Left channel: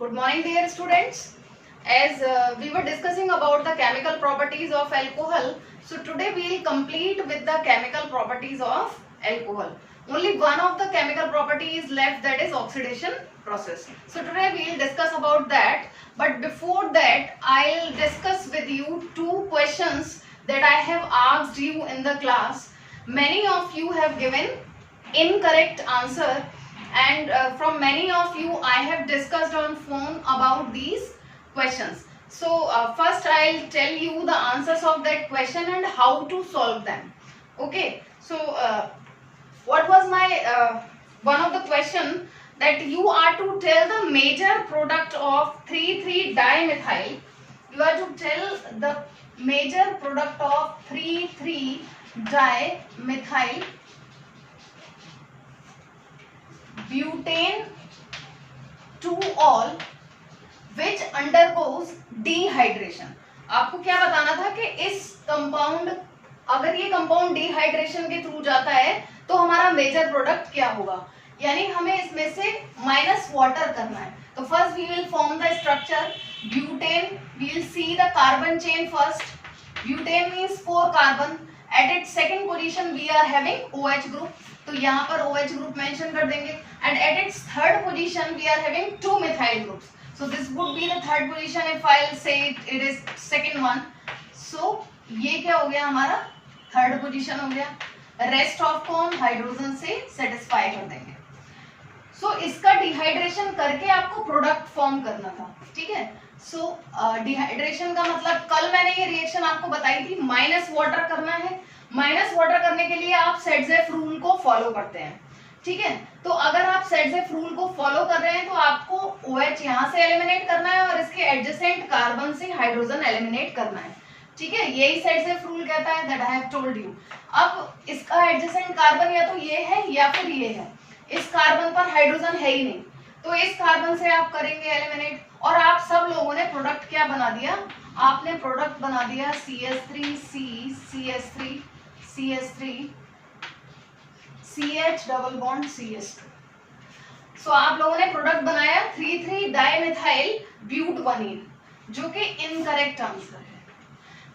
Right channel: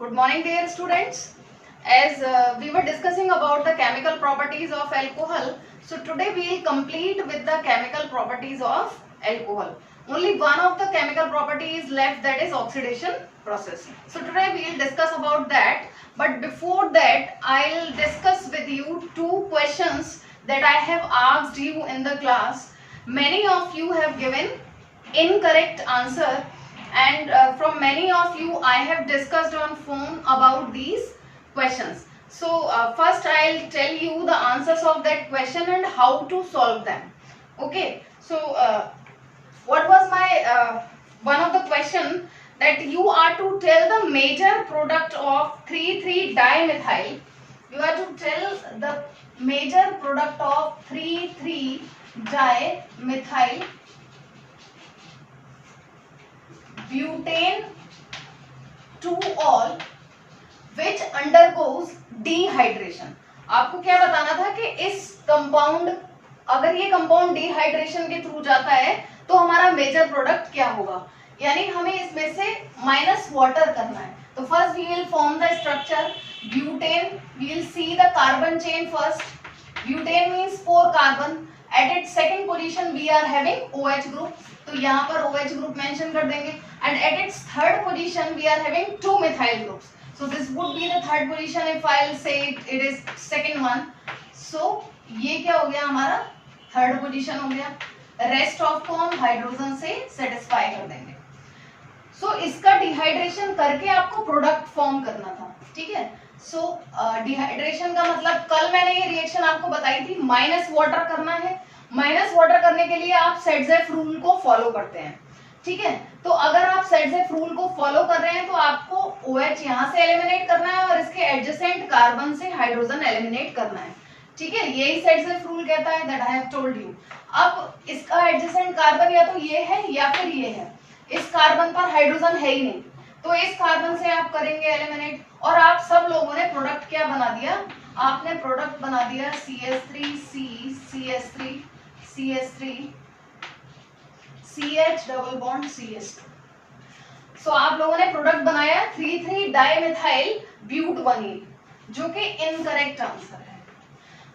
Good morning, dear students. As we were discussing about the chemical properties of alcohol, so today we will complete with the chemical properties of alcohol. Only one of the chemical property is left, that is oxidation process. So today we will discuss about that. But before that, I'll discuss with you two questions that I have asked you in the class. Many of you have given incorrect answer, and from many of you I have discussed on phone about these questions. So first I'll tell you the answers of that question and how to solve them. Okay, so what was my one of the question, that you are to tell the major product of 3,3-dimethyl. You are to tell the major product of 3,3-dimethyl butane to all which undergoes dehydration. आपको क्या बताना था कि इस compound, अगर ये compound dehydration के through जाता है तो हमारा मेजर प्रोडक्ट क्या होगा, यानी हमें इसमें से माइनस वाटर करना है. तो first we will form the structure butane. We will see the carbon chain first. Butane means 4 carbon. At its second position we are having OH group, तो यहाँ पर OH ग्रुप मेंशन कर देंगे. And at its third position we are having 2 methyl groups. So this would be the third position if I'll say it is second one. So ये क्या हो गया, हमारा थर्ड पोजीशन हो गया. रेस्ट ऑफ को हम हाइड्रोजन से सेटिस्फाई कर देंगे. सो इसका डिहाइड्रेशन करके आपको प्रोडक्ट फॉर्म करना था. ठीक है. सो डिहाइड्रेशन का मतलब कल मैंने ये रिएक्शन आपको बताई थी, माइनस वाटर करना है. माइनस वाटर करने के लिए आप सेडजेफ रूल को फॉलो करते हैं. ठीक है. तो अगर आप सेडजेफ रूल को फॉलो कर रहे हैं तो आपको OH यहाँ से एलिमिनेट करना है और इसके एडजेसेंट कार्बन से हाइड्रोजन एलिमिनेट करना है. ठीक है. यही सेडजेफ रूल कहता है, that I have told you. अब इसका एडजेसेंट कार्बन या तो ये है या फिर ये है. इस कार्बन पर हाइड्रोजन है ही नहीं, तो इस कार्बन से आप करेंगे एलिमिनेट. और आप सब लोगों ने प्रोडक्ट क्या बना दिया, आपने प्रोडक्ट बना दिया CH3C CH3 CH3 CH double bond CH2. सो आप लोगों ने प्रोडक्ट बनाया 3,3-डाइमेथाइल ब्यूटवनीन, जो कि इनकरेक्ट आंसर है.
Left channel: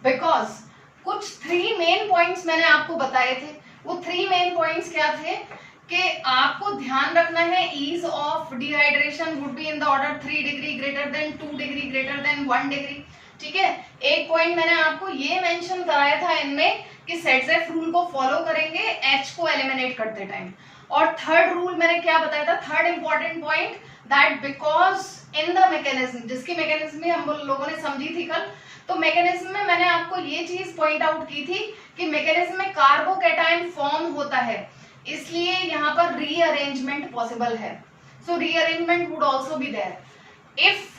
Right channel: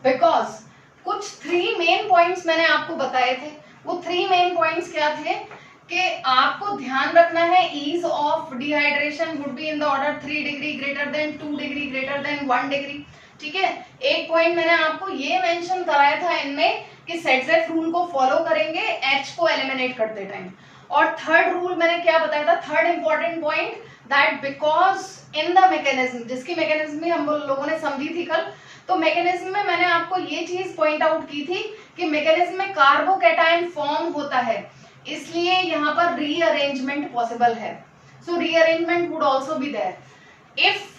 बिकॉज कुछ 3 मेन पॉइंट्स मैंने आपको बताए थे. वो 3 मेन पॉइंट्स क्या थे कि आपको ध्यान रखना है ease of dehydration would be in the order 3 degree greater than 2 degree greater than 1 degree. ठीक है. एक पॉइंट मैंने आपको ये मेंशन कराया था इनमें कि सेडजेफ रूल को फॉलो करेंगे H को एलिमिनेट करते टाइम. और थर्ड रूल मैंने क्या बताया था, third important point, that because in the mechanism, जिसकी मैकेनिज्म भी हम लोगों ने समझी थी कल, तो मैकेनिज्म में मैंने आपको ये चीज पॉइंट आउट की थी कि मैकेनिज्म में कार्बोकैटायन फॉर्म होता है, इसलिए यहाँ पर रीअरेंजमेंट पॉसिबल है. So rearrangement would also be there if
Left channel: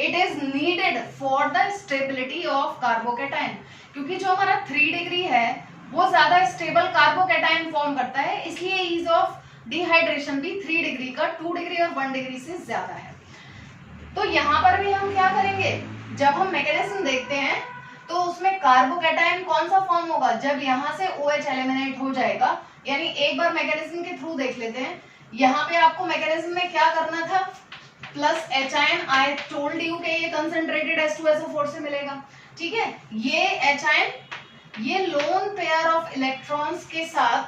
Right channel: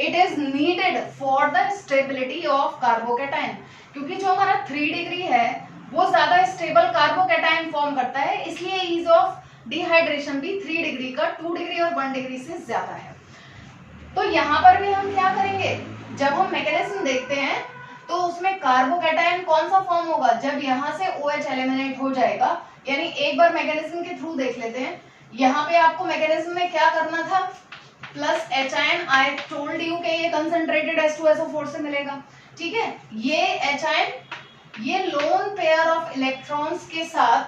it is needed for the stability of carbocation, क्योंकि जो हमारा 3 डिग्री है वो ज्यादा स्टेबल कार्बोकैटायन फॉर्म करता है, इसलिए ईज ऑफ डिहाइड्रेशन भी 3 डिग्री का 2 डिग्री और 1 डिग्री से ज्यादा है. तो यहाँ पर भी हम क्या करेंगे, जब हम मैकेनिज्म देखते हैं तो उसमें कार्बोकैटायन कौन सा फॉर्म होगा, जब यहाँ से OH एलिमिनेट हो जाएगा. यानी एक बार मैकेनिज्म के थ्रू देख लेते हैं. यहाँ पे आपको मैकेनिज्म में क्या करना था, प्लस H-आयन. आई टोल्ड यू कि ये कंसंट्रेटेड H2SO4 से मिलेगा. ठीक है. ये H-आयन ये लोन पेयर ऑफ इलेक्ट्रॉन्स के साथ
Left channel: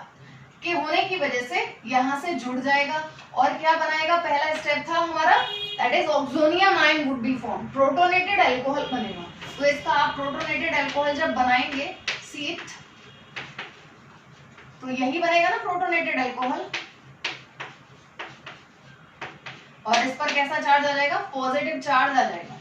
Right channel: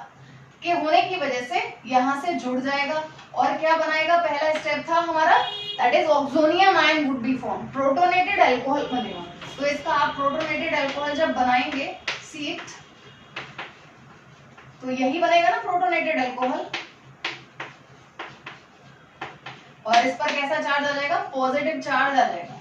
के होने की वजह से यहाँ से जुड़ जाएगा और क्या बनाएगा, पहला स्टेप था हमारा, that is oxonium ion would be form, protonated alcohol बनेगा. तो इसका आप प्रोटोनेटेड अल्कोहल जब बनाएंगे सीट, तो यही बनेगा ना प्रोटोनेटेड अल्कोहल. और इस पर कैसा चार्ज आ जाएगा, पॉजिटिव चार्ज आ जाएगा.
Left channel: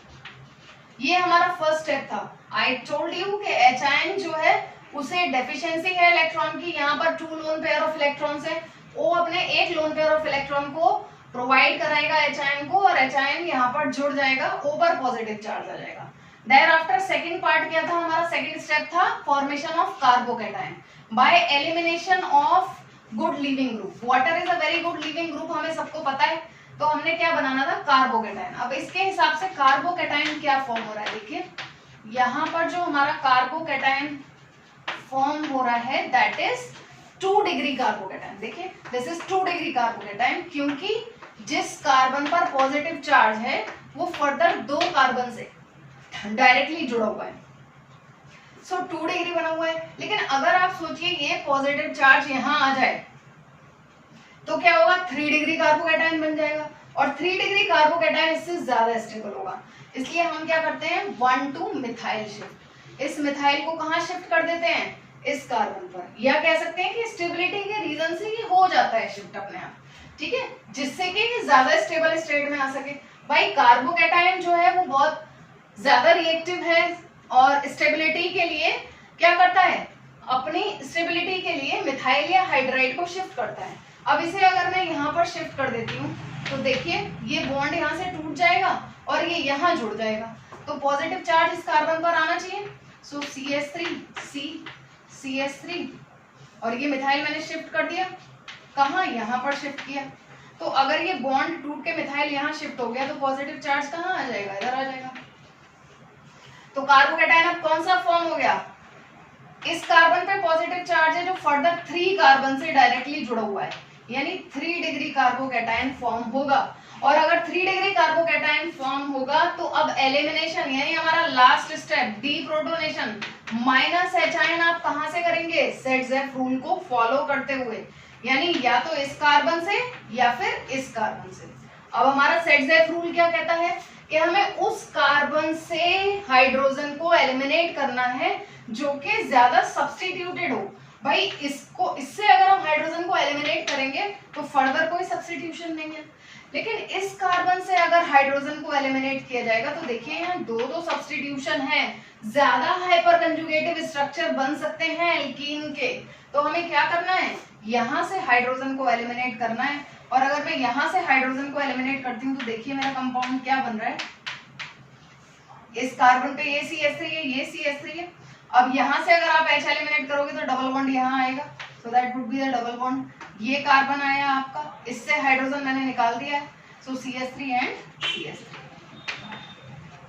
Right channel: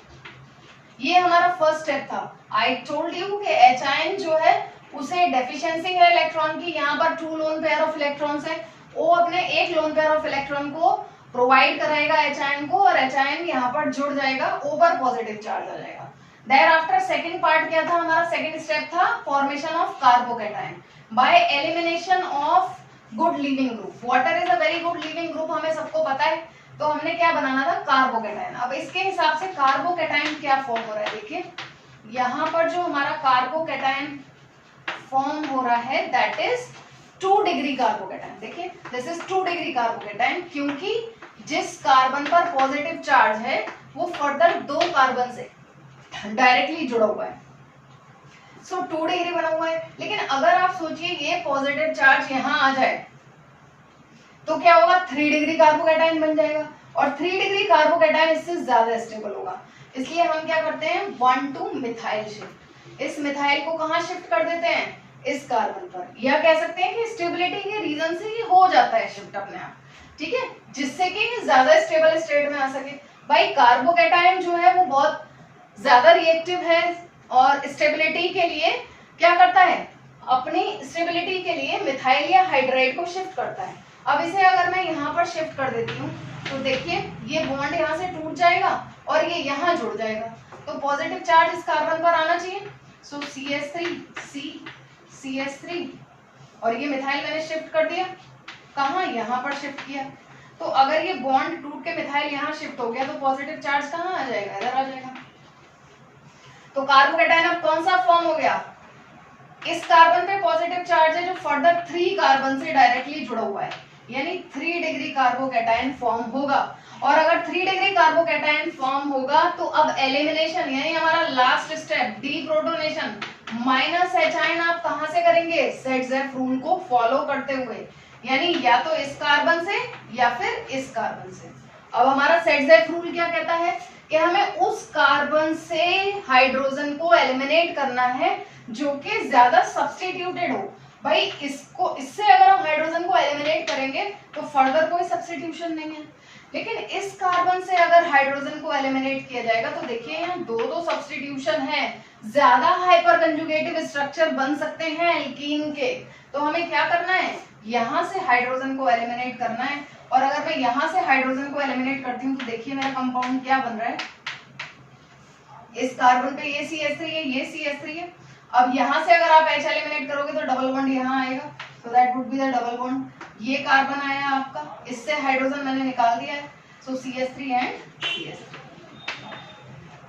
ये हमारा फर्स्ट स्टेप था. आई टोल्ड यू कि H-आयन जो है उसे डेफिशिएंसी है इलेक्ट्रॉन की, यहाँ पर 2 लोन पेयर ऑफ इलेक्ट्रॉन्स है, वो अपने एक लोन पेयर ऑफ इलेक्ट्रॉन को प्रोवाइड कराएगा H-आयन को, और H-आयन यहाँ पर जुड़ जाएगा, O पर पॉजिटिव चार्ज आ जाएगा. देयर आफ्टर सेकेंड पार्ट क्या था हमारा, सेकेंड स्टेप था formation of carbocation by elimination of good leaving group. Water is a very good leaving group, हमें सबको पता है. तो हमने क्या बनाना था, कार्बोकैटायन. अब इसके हिसाब से कार्बोकैटायन क्या फॉर्म हो रहा है, देखिए यहाँ पर जो हमारा कार्बोकैटायन फॉर्म हो रहा है दैट इज 2 डिग्री कार्बोकैटायन. देखिए दिस इज 2 डिग्री कार्बोकैटायन, क्योंकि जिस कार्बन पर पॉजिटिव चार्ज है वो फर्दर 2 कार्बन से डायरेक्टली जुड़ा हुआ है। सो 2 डिग्री बना हुआ है। लेकिन अगर आप सोचिए ये पॉजिटिव चार्ज यहाँ आ जाए तो क्या होगा, 3 डिग्री कार्बोकैटायन बन जाएगा और 3 डिग्री कार्बोकैटायन इससे ज्यादा स्टेबल होगा। इसलिए हम क्या करते हैं 1 to मिथाइल शिफ्ट। इस मिथाइल को कहाँ शिफ्ट कर देते हैं, इस कार्बन पर, या कह सकते हैं कि स्टेबिलिटी के रीजन से ये हो जाता है शिफ्ट अपने आप, ठीक है, जिससे कि ज्यादा स्टेबल स्टेट में आ सके। भाई कार्बोकैटायन जो है वो बहुत ज्यादा रिएक्टिव है और स्टेबिलिटी के लिए क्या करता है, अपनी स्टेबिलिटी के लिए मिथाइल या हाइड्राइड को शिफ्ट करता है। अब इसे अगर मैं यहाँ पर शिफ्ट कर देती हूँ तो देखिए ये बॉन्ड यहाँ से टूट जाएगा और ये यहाँ जुड़ जाएगा, तो पॉजिटिव चार्ज इस कार्बन पर आना चाहिए। सो CH3 और ये मिथाइल मैंने शिफ्ट कर दिया, कहाँ, यहाँ पर शिफ्ट किया। तो अगर ये बॉन्ड टूट के मिथाइल यहाँ शिफ्ट हो गया तो पॉजिटिव चार्ज कहाँ आ जाएगा, इधर आ जाएगा। तो कार्बोकैटायन अब कौन सा फॉर्म हो गया, इस कार्बन पे पॉजिटिव चार्ज है जो फर्दर 3 कार्बन से डायरेक्टली जुड़ा हुआ है, यानी 3 डिग्री कार्बोकैटायन फॉर्म होगा। और अगर 3 डिग्री कार्बोकैटायन फॉर्म होगा तो अब एलिमिनेशन, यानी हमारा last step deprotonation -H ion आप कहां से करेंगे, सेट-जेफ रूल को फॉलो करते हुए, यानी या तो इस कार्बन से या फिर इस कार्बन से। अब हमारा सेट-जेफ रूल क्या कहता है कि हमें उस कार्बन से हाइड्रोजन को एलिमिनेट करना है जो कि ज्यादा सब्स्टिट्यूटेड हो। भाई इससे अगर हम हाइड्रोजन को एलिमिनेट करेंगे तो फर्दर कोई सब्स्टिट्यूशन नहीं है, लेकिन इस कार्बन से अगर हाइड्रोजन को एलिमिनेट किया जाएगा तो देखिए यहाँ 2 सब्स्टिट्यूशन है, ज्यादा हाइपर कंजुगेटिव स्ट्रक्चर बन सकते हैं एल्कीन के। तो हमें क्या करना है, यहाँ से हाइड्रोजन को एलिमिनेट करना है। और अगर मैं यहाँ से हाइड्रोजन को एलिमिनेट करती हूँ तो देखिए मेरा कंपाउंड क्या बन रहा है, इस कार्बन पे ये CH3 है, ये CH3 है। अब यहाँ से अगर आप H एलिमिनेट करोगे तो डबल बॉन्ड यहाँ आएगा, so that would be the double bond. ये कार्बन आया आपका, इससे हाइड्रोजन मैंने निकाल दिया है, सो CH3 एंड CH3।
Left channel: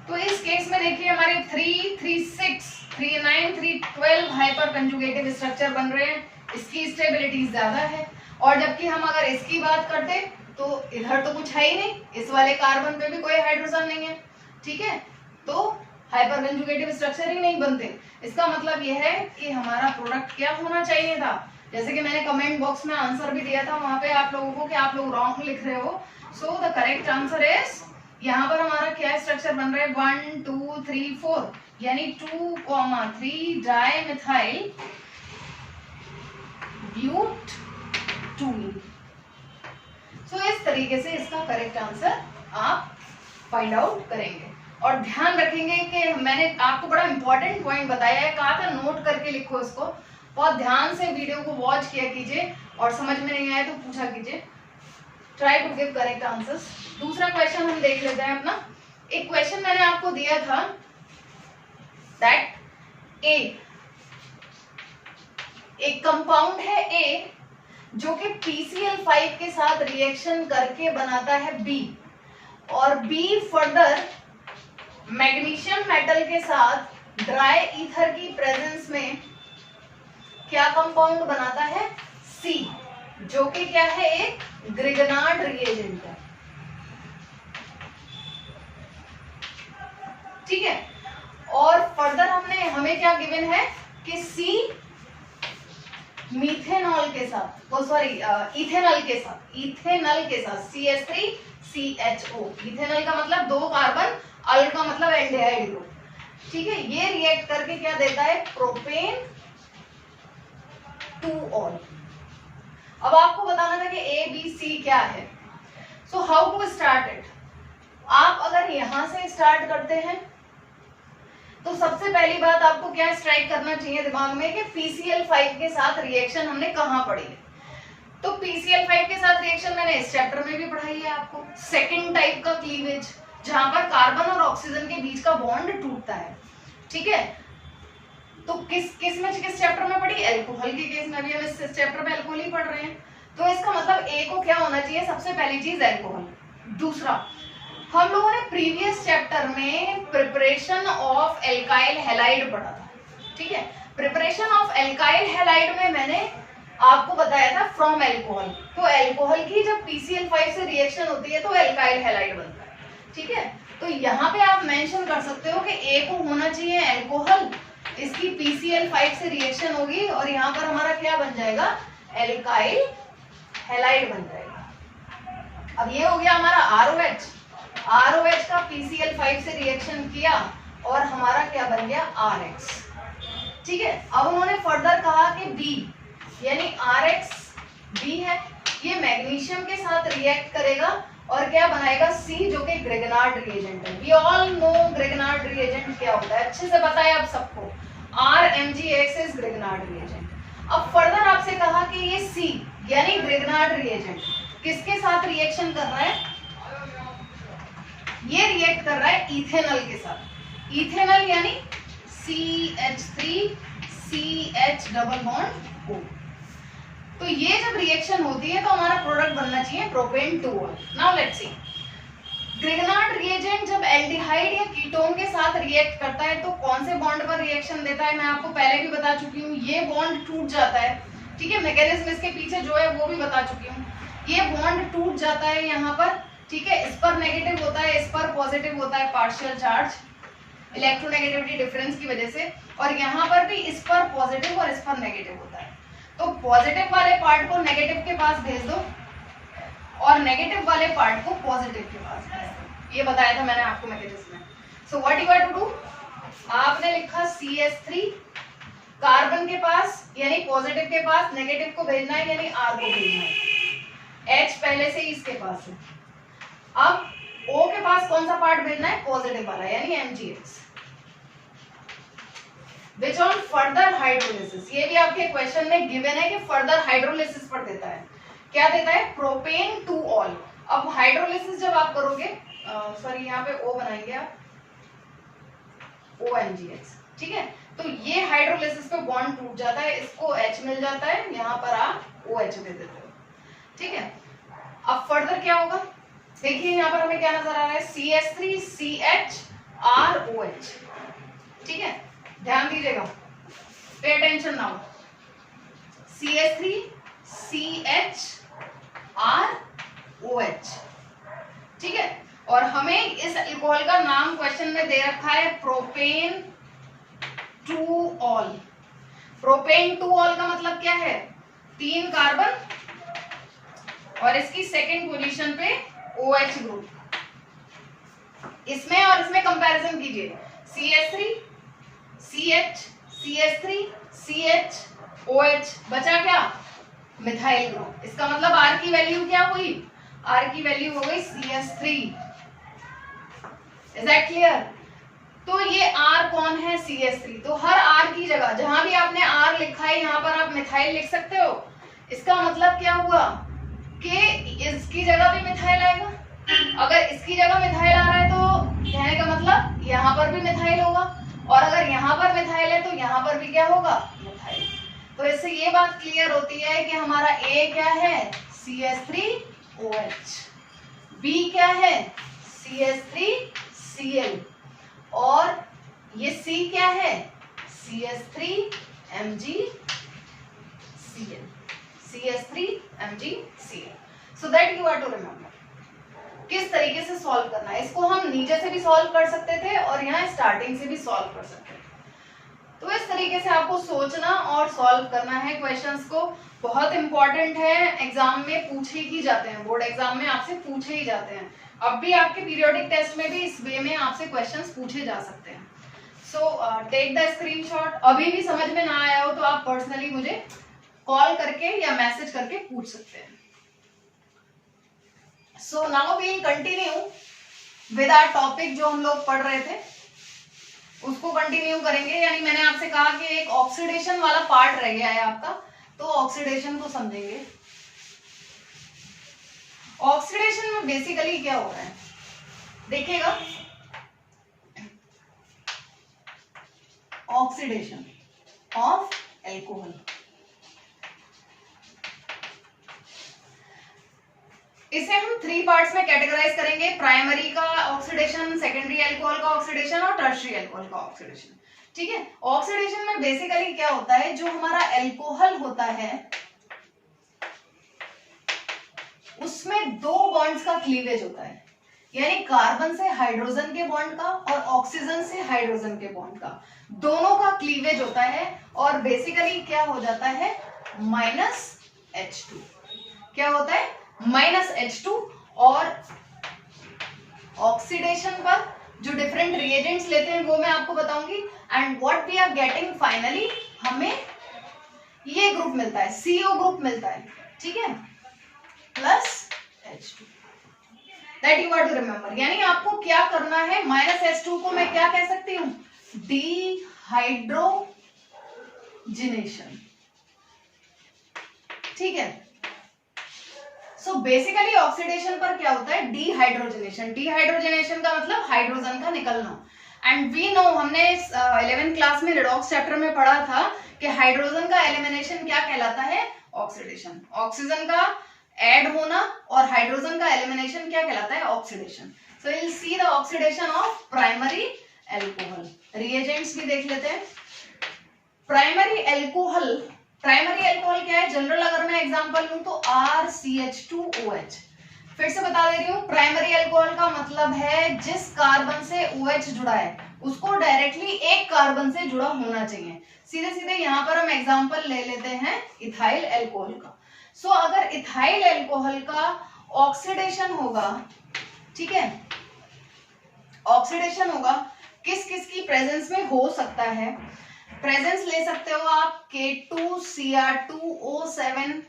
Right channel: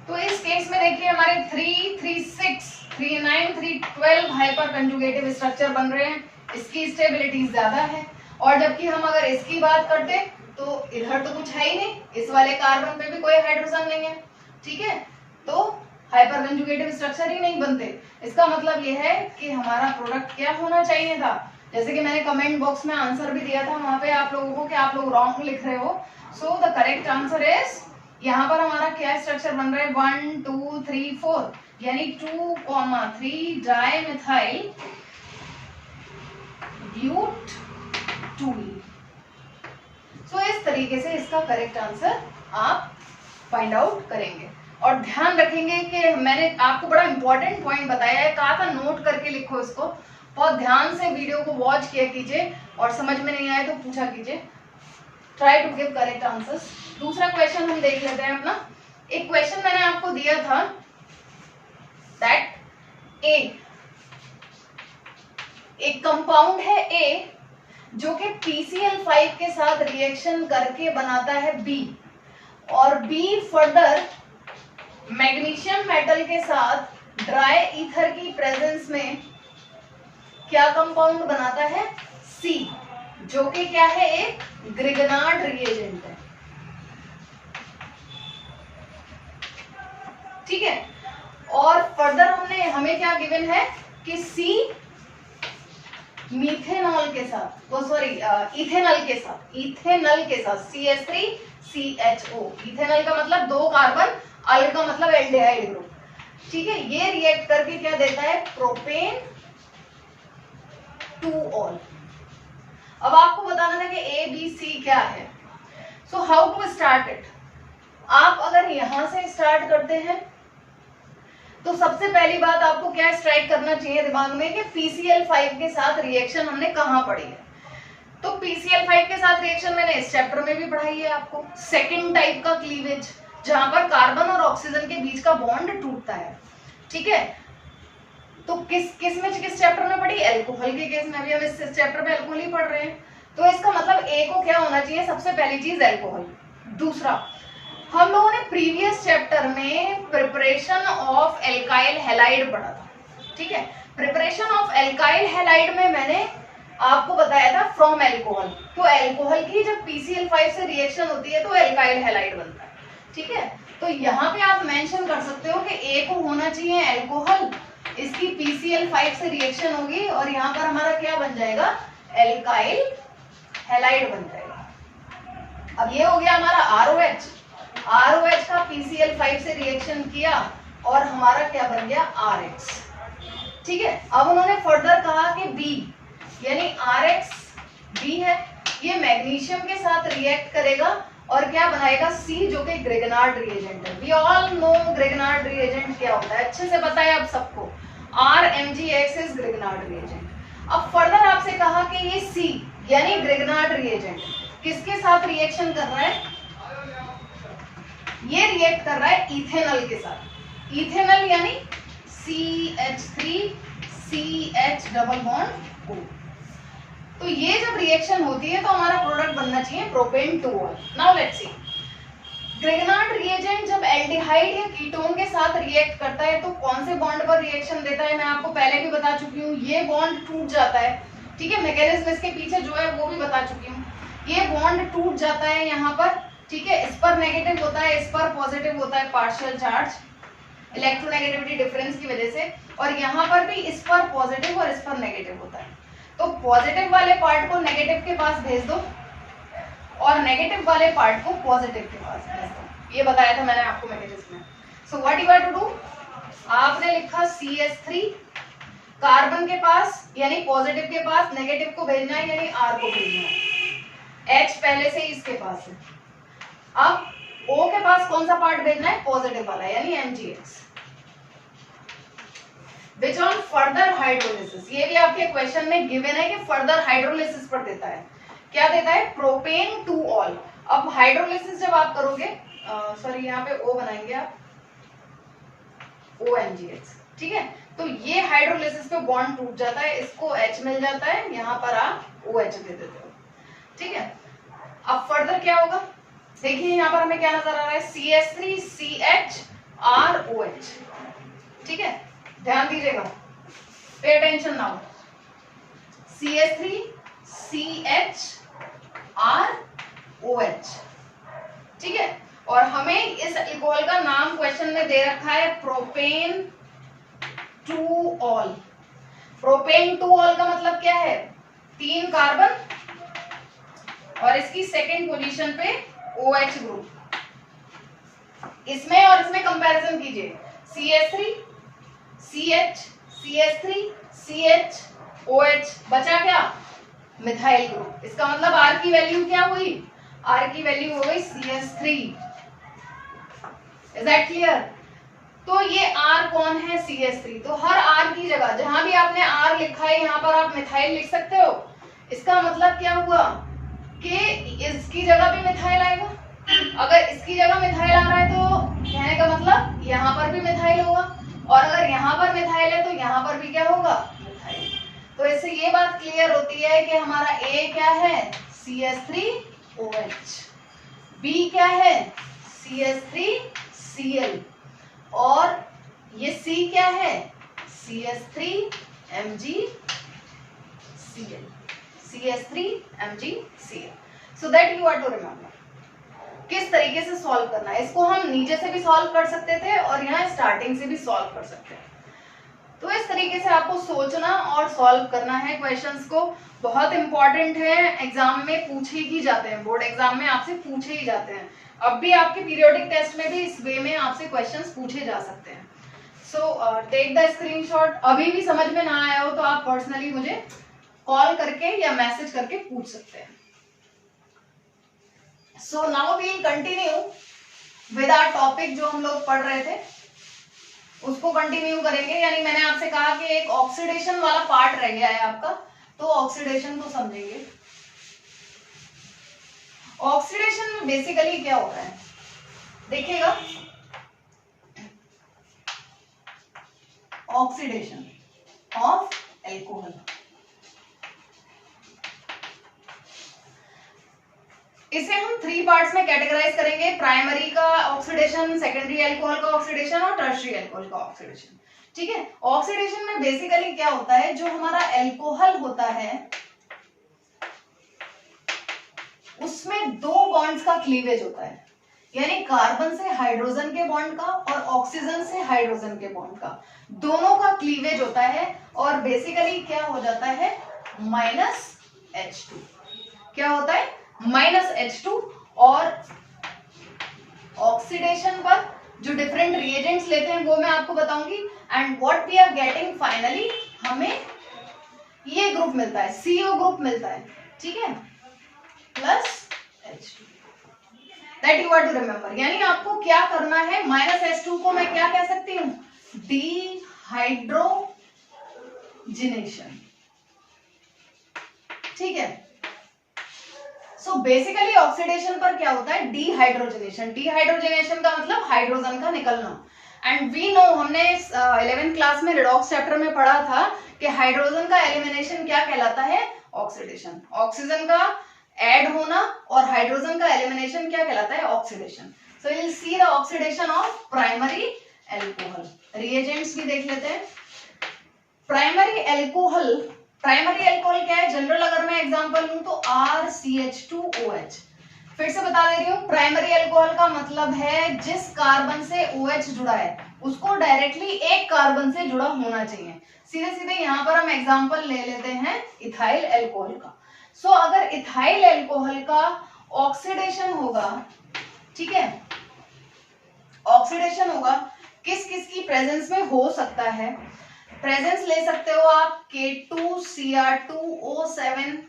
तो इस केस में देखिए हमारे 3, 3, 6, 3, 9, 3, 12 हाइपर कंजुगेटिव स्ट्रक्चर बन रहे हैं, इसकी स्टेबिलिटी ज्यादा है। और जबकि हम अगर इसकी बात करते तो इधर तो कुछ है ही नहीं, इस वाले कार्बन पे भी कोई हाइड्रोजन नहीं है, ठीक है, तो हाइपर कंजुगेटिव स्ट्रक्चर ही नहीं बनते। इसका मतलब यह है कि हमारा प्रोडक्ट क्या होना चाहिए था, जैसे कि मैंने कमेंट बॉक्स में आंसर भी दिया था वहां पे आप लोगों को कि आप लोग रॉन्ग लिख रहे हो। So the correct answer is, यहाँ पर हमारा क्या स्ट्रक्चर बन रहा है 1, 2, 3, 4, यानी 2,3 डाइमिथाइल ब्यूट 2। सो इस तरीके से इसका करेक्ट आंसर आप फाइंड आउट करेंगे। और ध्यान रखेंगे कि मैंने आपको बड़ा इंपॉर्टेंट पॉइंट बताया है, कहा था नोट करके लिखो इसको, और ध्यान से वीडियो को वॉच किया कीजिए और समझ में नहीं आए तो पूछा कीजिए। Try to give correct answers. दूसरा क्वेश्चन हम देख लेते हैं अपना। एक क्वेश्चन मैंने आपको दिया था दैट एक कंपाउंड है A जो कि PCl5 के साथ रिएक्शन करके बनाता है B, और B फर्दर मैग्नीशियम मेटल के साथ ड्राई ईथर की प्रेजेंस में क्या कंपाउंड बनाता है C, जो कि क्या है एक ग्रिगनार्ड रिएजेंट है, ठीक है। और फर्दर हमें क्या गिवन है कि C मीथेनॉल के साथ, इथेनॉल के साथ CH3CHO, इथेनॉल का मतलब 2 कार्बन, अल का मतलब एल्डिहाइड ग्रुप, ठीक है, ये रिएक्ट करके क्या देता है प्रोपेन 2ऑल। अब आपको बताना था कि ABC क्या है। So how to start it. आप अगर यहां से स्टार्ट करते हैं तो सबसे पहली बात आपको क्या स्ट्राइक करना चाहिए दिमाग में कि PCl5 के साथ रिएक्शन हमने कहां पढ़ी है। तो PCl5 के साथ रिएक्शन मैंने इस चैप्टर में भी पढ़ाई है आपको, सेकंड टाइप का क्लीवेज, जहां पर कार्बन और ऑक्सीजन के बीच का बॉन्ड टूटता है, ठीक है। तो किस चैप्टर में पढ़ी, एल्कोहल के केस में भी हम इस चैप्टर में एल्कोहल ही पढ़ रहे हैं। तो इसका मतलब A को क्या होना चाहिए, सबसे पहली चीज एल्कोहल। दूसरा, हम लोगों ने प्रीवियस चैप्टर में प्रिपरेशन ऑफ एल्काइल हैलाइड पढ़ा था, ठीक है। प्रिपरेशन ऑफ एल्काइल हैलाइड में मैंने आपको बताया था फ्रॉम एल्कोहल, तो एल्कोहल की जब PCl5 से रिएक्शन होती है तो एल्काइल हैलाइड बनता है, ठीक है। तो यहाँ पे आप मेंशन कर सकते हो कि ए को होना चाहिए एल्कोहल, इसकी PCl5 से रिएक्शन होगी और यहाँ पर हमारा क्या बन जाएगा, एल्काइल हैलाइड बन जाएगा। अब ये हो गया हमारा ROH, ROH का PCl5 से रिएक्शन किया और हमारा क्या बन गया, RH, ठीक है। अब उन्होंने फर्दर कहा कि B यानी RX B है, ये मैग्नीशियम के साथ रिएक्ट करेगा और क्या बनाएगा, C, जो कि ग्रेगनार्ड रिएजेंट है। We all know Grignard reagent क्या होता है, अच्छे से पता है आप सबको, RMgX इज ग्रेगनार्ड रिएजेंट। अब फर्दर आपसे कहा कि ये C यानी ग्रेगनार्ड रिएजेंट किसके साथ रिएक्शन कर रहा है, ये रिएक्ट कर रहा है इथेनॉल के साथ। इथेनॉल यानी CH3CH डबल बॉन्ड O। तो ये जब रिएक्शन होती है तो हमारा प्रोडक्ट बनना चाहिए प्रोपेन 2ऑल। Now let's see, Grignard reagent जब एल्डिहाइड या कीटोन के साथ रिएक्ट करता है तो कौन से बॉन्ड पर रिएक्शन देता है, मैं आपको पहले भी बता चुकी हूँ, ये बॉन्ड टूट जाता है, ठीक है। मैकेनिज्म इसके पीछे जो है वो भी बता चुकी हूँ। ये बॉन्ड टूट जाता है यहाँ पर, ठीक है, इस पर नेगेटिव होता है, इस पर पॉजिटिव होता है, पार्शियल चार्ज इलेक्ट्रोनेगेटिविटी डिफरेंस की वजह से, और यहाँ पर भी इस पर पॉजिटिव और इस पर नेगेटिव होता है। तो पॉजिटिव वाले पार्ट को नेगेटिव के पास भेज दो और नेगेटिव वाले पार्ट को पॉजिटिव के पास भेज दो, ये बताया था मैंने आपको मैकेनिज्म में। So what you have to do, आपने लिखा CH3 कार्बन के पास यानी पॉजिटिव के पास नेगेटिव को भेजना है यानी R को भेजना है, H पहले से ही इसके पास है। अब O के पास कौन सा पार्ट भेजना है, पॉजिटिव वाला यानी MgX। Which on further hydrolysis, ये भी आपके क्वेश्चन में गिवन है कि फर्दर हाइड्रोलिसिस पर देता है, क्या देता है, प्रोपेन 2ऑल। अब हाइड्रोलिसिस जब आप करोगे, सॉरी यहाँ पे O बनाएंगे आप, OMgX, ठीक है। तो ये हाइड्रोलिसिस पे बॉन्ड टूट जाता है, इसको H मिल जाता है, यहाँ पर आप OH दे देते हो, ठीक है। अब फर्दर क्या होगा, देखिए यहाँ पर हमें क्या नजर आ रहा है, CH3CHROH, ठीक है, ध्यान दीजिएगा, पे अटेंशन नाउ, CH3CHROH, ठीक है। और हमें इस अल्कोहल का नाम क्वेश्चन में दे रखा है प्रोपेन 2ऑल। प्रोपेन 2ऑल का मतलब क्या है, 3 कार्बन और इसकी सेकेंड पोजीशन पे OH ग्रुप, इसमें और इसमें कंपैरिजन कीजिए, CH3 CH CH3 CH OH, बचा क्या, मिथाइल ग्रुप। इसका मतलब R की वैल्यू क्या हुई, R की वैल्यू हो गई CH3। Is that clear. तो ये R कौन है, CH3। तो हर R की जगह जहां भी आपने R लिखा है यहाँ पर आप मिथाइल लिख सकते हो। इसका मतलब क्या हुआ कि इसकी जगह भी मिथाइल आएगा, अगर इसकी जगह मिथाइल आ रहा है तो कहने का मतलब यहाँ पर भी मिथाइल होगा, और अगर यहाँ पर मिथाइल है तो यहाँ पर भी क्या होगा, मिथाइल। तो इससे ये बात क्लियर होती है कि हमारा A क्या है, CH3OH, B क्या है, CH3Cl, और ये C क्या है, CH3MgCl, CH3MgCl। So that you are to remember किस तरीके से सॉल्व करना है। इसको हम नीचे से भी सॉल्व कर सकते थे और यहाँ स्टार्टिंग से भी सॉल्व कर सकते हैं। तो इस तरीके से आपको सोचना और सॉल्व करना है क्वेश्चंस को, बहुत इंपॉर्टेंट है, एग्जाम में पूछे ही जाते हैं, बोर्ड एग्जाम में आपसे पूछे ही जाते हैं। अब भी आपके पीरियोडिक टेस्ट में भी इस वे में आपसे क्वेश्चंस पूछे जा सकते हैं। So take the screenshot. अभी भी समझ में ना आया हो तो आप पर्सनली मुझे कॉल करके या मैसेज करके पूछ सकते हैं। So now we will continue with our topic, जो हम लोग पढ़ रहे थे उसको कंटिन्यू करेंगे। यानी मैंने आपसे कहा कि एक ऑक्सीडेशन वाला पार्ट रह गया है आपका, तो ऑक्सीडेशन को समझेंगे। ऑक्सीडेशन में बेसिकली क्या हो रहा है देखिएगा, ऑक्सीडेशन ऑफ एल्कोहल, इसे हम 3 पार्ट्स में कैटेगराइज करेंगे, प्राइमरी का ऑक्सीडेशन, सेकेंडरी अल्कोहल का ऑक्सीडेशन और टर्शियरी अल्कोहल का ऑक्सीडेशन। ठीक है, ऑक्सीडेशन में बेसिकली क्या होता है, जो हमारा अल्कोहल होता है उसमें 2 बॉन्ड्स का क्लीवेज होता है, यानी कार्बन से हाइड्रोजन के बॉन्ड का और ऑक्सीजन से हाइड्रोजन के बॉन्ड का, दोनों का क्लीवेज होता है और बेसिकली क्या हो जाता है -H2। क्या होता है -H2। और ऑक्सीडेशन पर जो डिफरेंट रिएजेंट्स लेते हैं वो मैं आपको बताऊंगी। And what we are getting finally, हमें ये ग्रुप मिलता है, CO ग्रुप मिलता है, ठीक है, plus H2। That you are to remember. यानी आपको क्या करना है, -H2 को मैं क्या कह सकती हूँ, डिहाइड्रोजिनेशन, ठीक है। सो बेसिकली ऑक्सीडेशन पर क्या होता है, डिहाइड्रोजनेशन। डिहाइड्रोजनेशन का मतलब हाइड्रोजन का निकलना। एंड वी नो, हमने 11th क्लास में रिडॉक्स चैप्टर में पढ़ा था कि हाइड्रोजन का एलिमिनेशन क्या कहलाता है, ऑक्सीडेशन। ऑक्सीजन का ऐड होना और हाइड्रोजन का एलिमिनेशन क्या कहलाता है, oxidation. So you will see the oxidation of primary alcohol. Reagents भी देख लेते हैं। प्राइमरी एल्कोहल क्या है, जनरल अगर मैं एग्जांपल लूं तो RCH2OH। फिर से बता दे रही हूं, प्राइमरी एल्कोहल का मतलब है जिस कार्बन से OH जुड़ा है उसको डायरेक्टली एक कार्बन से जुड़ा होना चाहिए। सीधे सीधे यहां पर हम एग्जांपल ले लेते हैं इथाइल एल्कोहल का। सो अगर इथाइल एल्कोहल का ऑक्सीडेशन होगा, ठीक है, ऑक्सीडेशन होगा, किस किस की प्रेजेंस में हो सकता है, प्रेजेंस ले सकते हो आप K2Cr2O7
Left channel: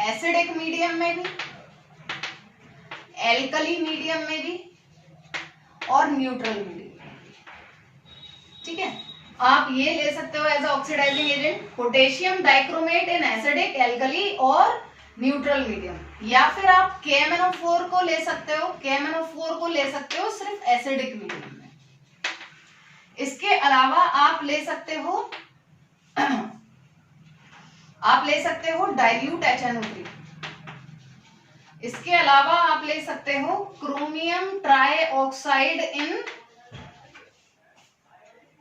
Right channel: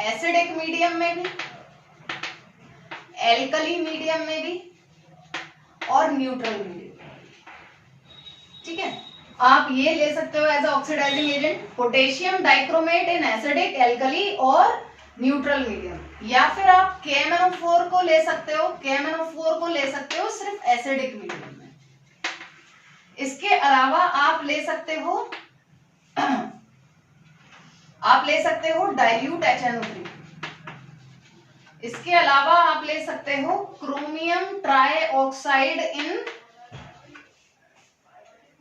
एसिडिक मीडियम में भी, एल्कली मीडियम में भी और न्यूट्रल मीडियम, ठीक है। आप ये ले सकते हो as oxidising agent, potassium dichromate in acidic, alkali और न्यूट्रल मीडियम। या फिर आप KMnO4 को ले सकते हो, KMnO4 को ले सकते हो सिर्फ एसिडिक मीडियम में। इसके अलावा आप ले सकते हो डाइल्यूट HNO3। इसके अलावा आप ले सकते हो chromium trioxide in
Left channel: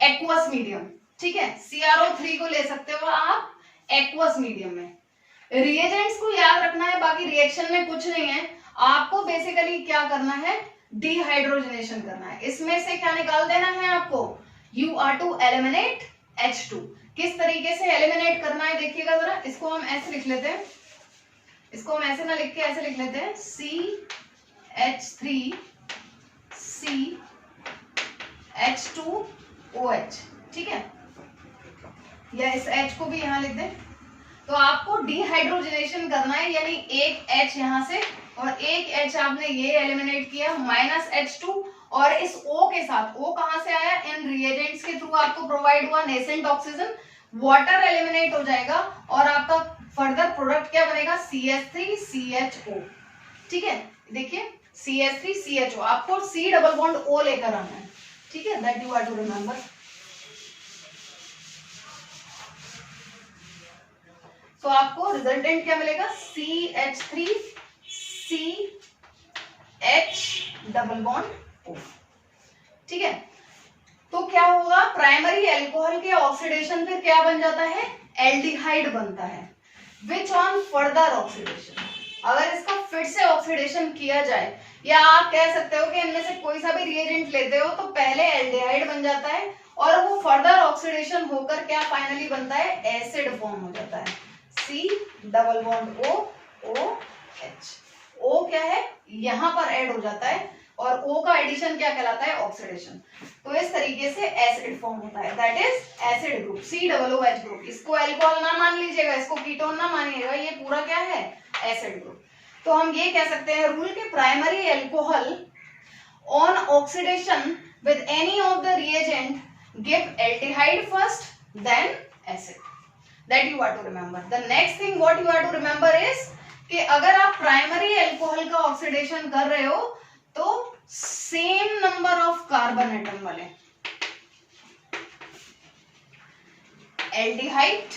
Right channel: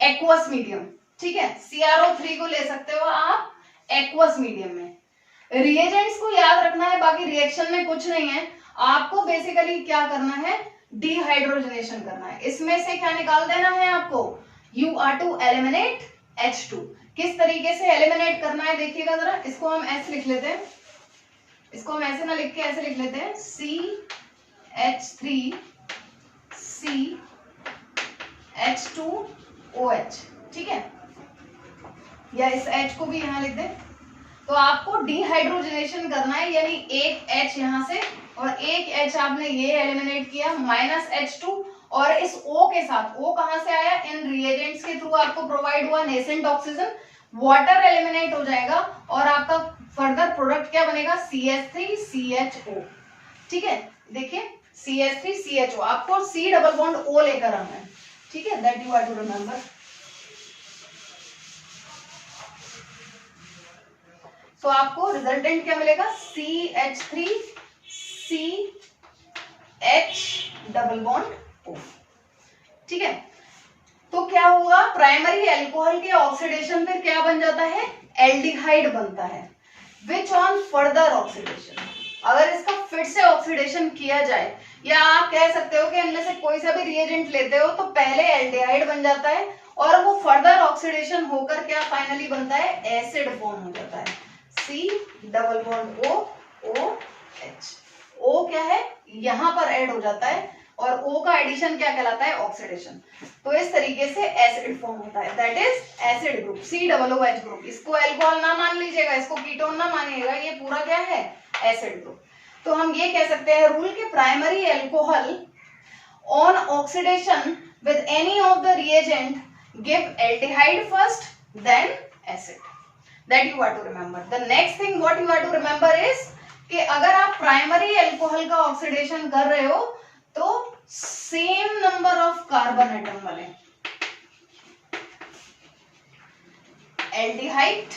aqueous medium, ठीक है। CrO3 को ले सकते हो आप एक्वस मीडियम में। रिएजेंट्स को याद रखना है, बाकी रिएक्शन में कुछ नहीं है। आपको बेसिकली क्या करना है, डिहाइड्रोजनेशन करना है। इसमें से क्या निकाल देना है आपको, you are to eliminate H2। किस तरीके से एलिमिनेट करना है देखिएगा जरा। इसको हम ऐसे लिख लेते हैं, इसको हम ऐसे ना लिख के ऐसे लिख लेते हैं, CH3CH2OH, ठीक है, या इस H को भी यहां लिख दें। तो आपको डिहाइड्रोजनेशन करना है, यानी एक H यहां से और एक H आपने ये एलिमिनेट किया, -H2। और इस O के साथ, O कहां से आया, इन रिएजेंट्स के थ्रू आपको प्रोवाइड हुआ नेसेंट ऑक्सीजन, वाटर एलिमिनेट हो जाएगा और आपका फर्दर प्रोडक्ट क्या बनेगा, CH3CHO, ठीक है। देखिए CH3CHO, आपको C डबल बॉन्ड O लेकर आना है, ठीक है, that you are to remember. तो आपको रिजल्टेंट क्या मिलेगा, CH3CH डबल बॉन्ड O, ठीक है। तो क्या होगा, प्राइमरी एल्कोहल के ऑक्सीडेशन पे क्या बन जाता है, एल्डिहाइड बनता है, विच ऑन फर्दर ऑक्सीडेशन, अगर इसका फिर से ऑक्सीडेशन किया जाए, या आप कह सकते हो कि इनमें से कोई सा भी रिएजेंट लेते हो तो पहले एल्डिहाइड बन जाता है और वो फर्दर ऑक्सीडेशन होकर क्या फाइनली बनता है, एसिड फॉर्म हो जाता है, C double bond O OH। O क्या है, यहां पर ऐड हो जाता है और O का एडिशन क्या कहलाता है, ऑक्सीडेशन। तो इस तरीके से एसिड फॉर्म होता है, that is acid group, COOH group. इसको अल्कोहल ना मान लीजिएगा, इसको कीटोन ना मानिएगा, ये पूरा क्या है, एसिड ग्रुप। तो हम ये कह सकते हैं रूल के primary alcohol on oxidation with any of the reagent give aldehyde first then acid, that you are to remember. The next thing what you are to remember is कि अगर आप प्राइमरी एल्कोहल का oxidation कर रहे हो तो same number of carbon atom वाले aldehyde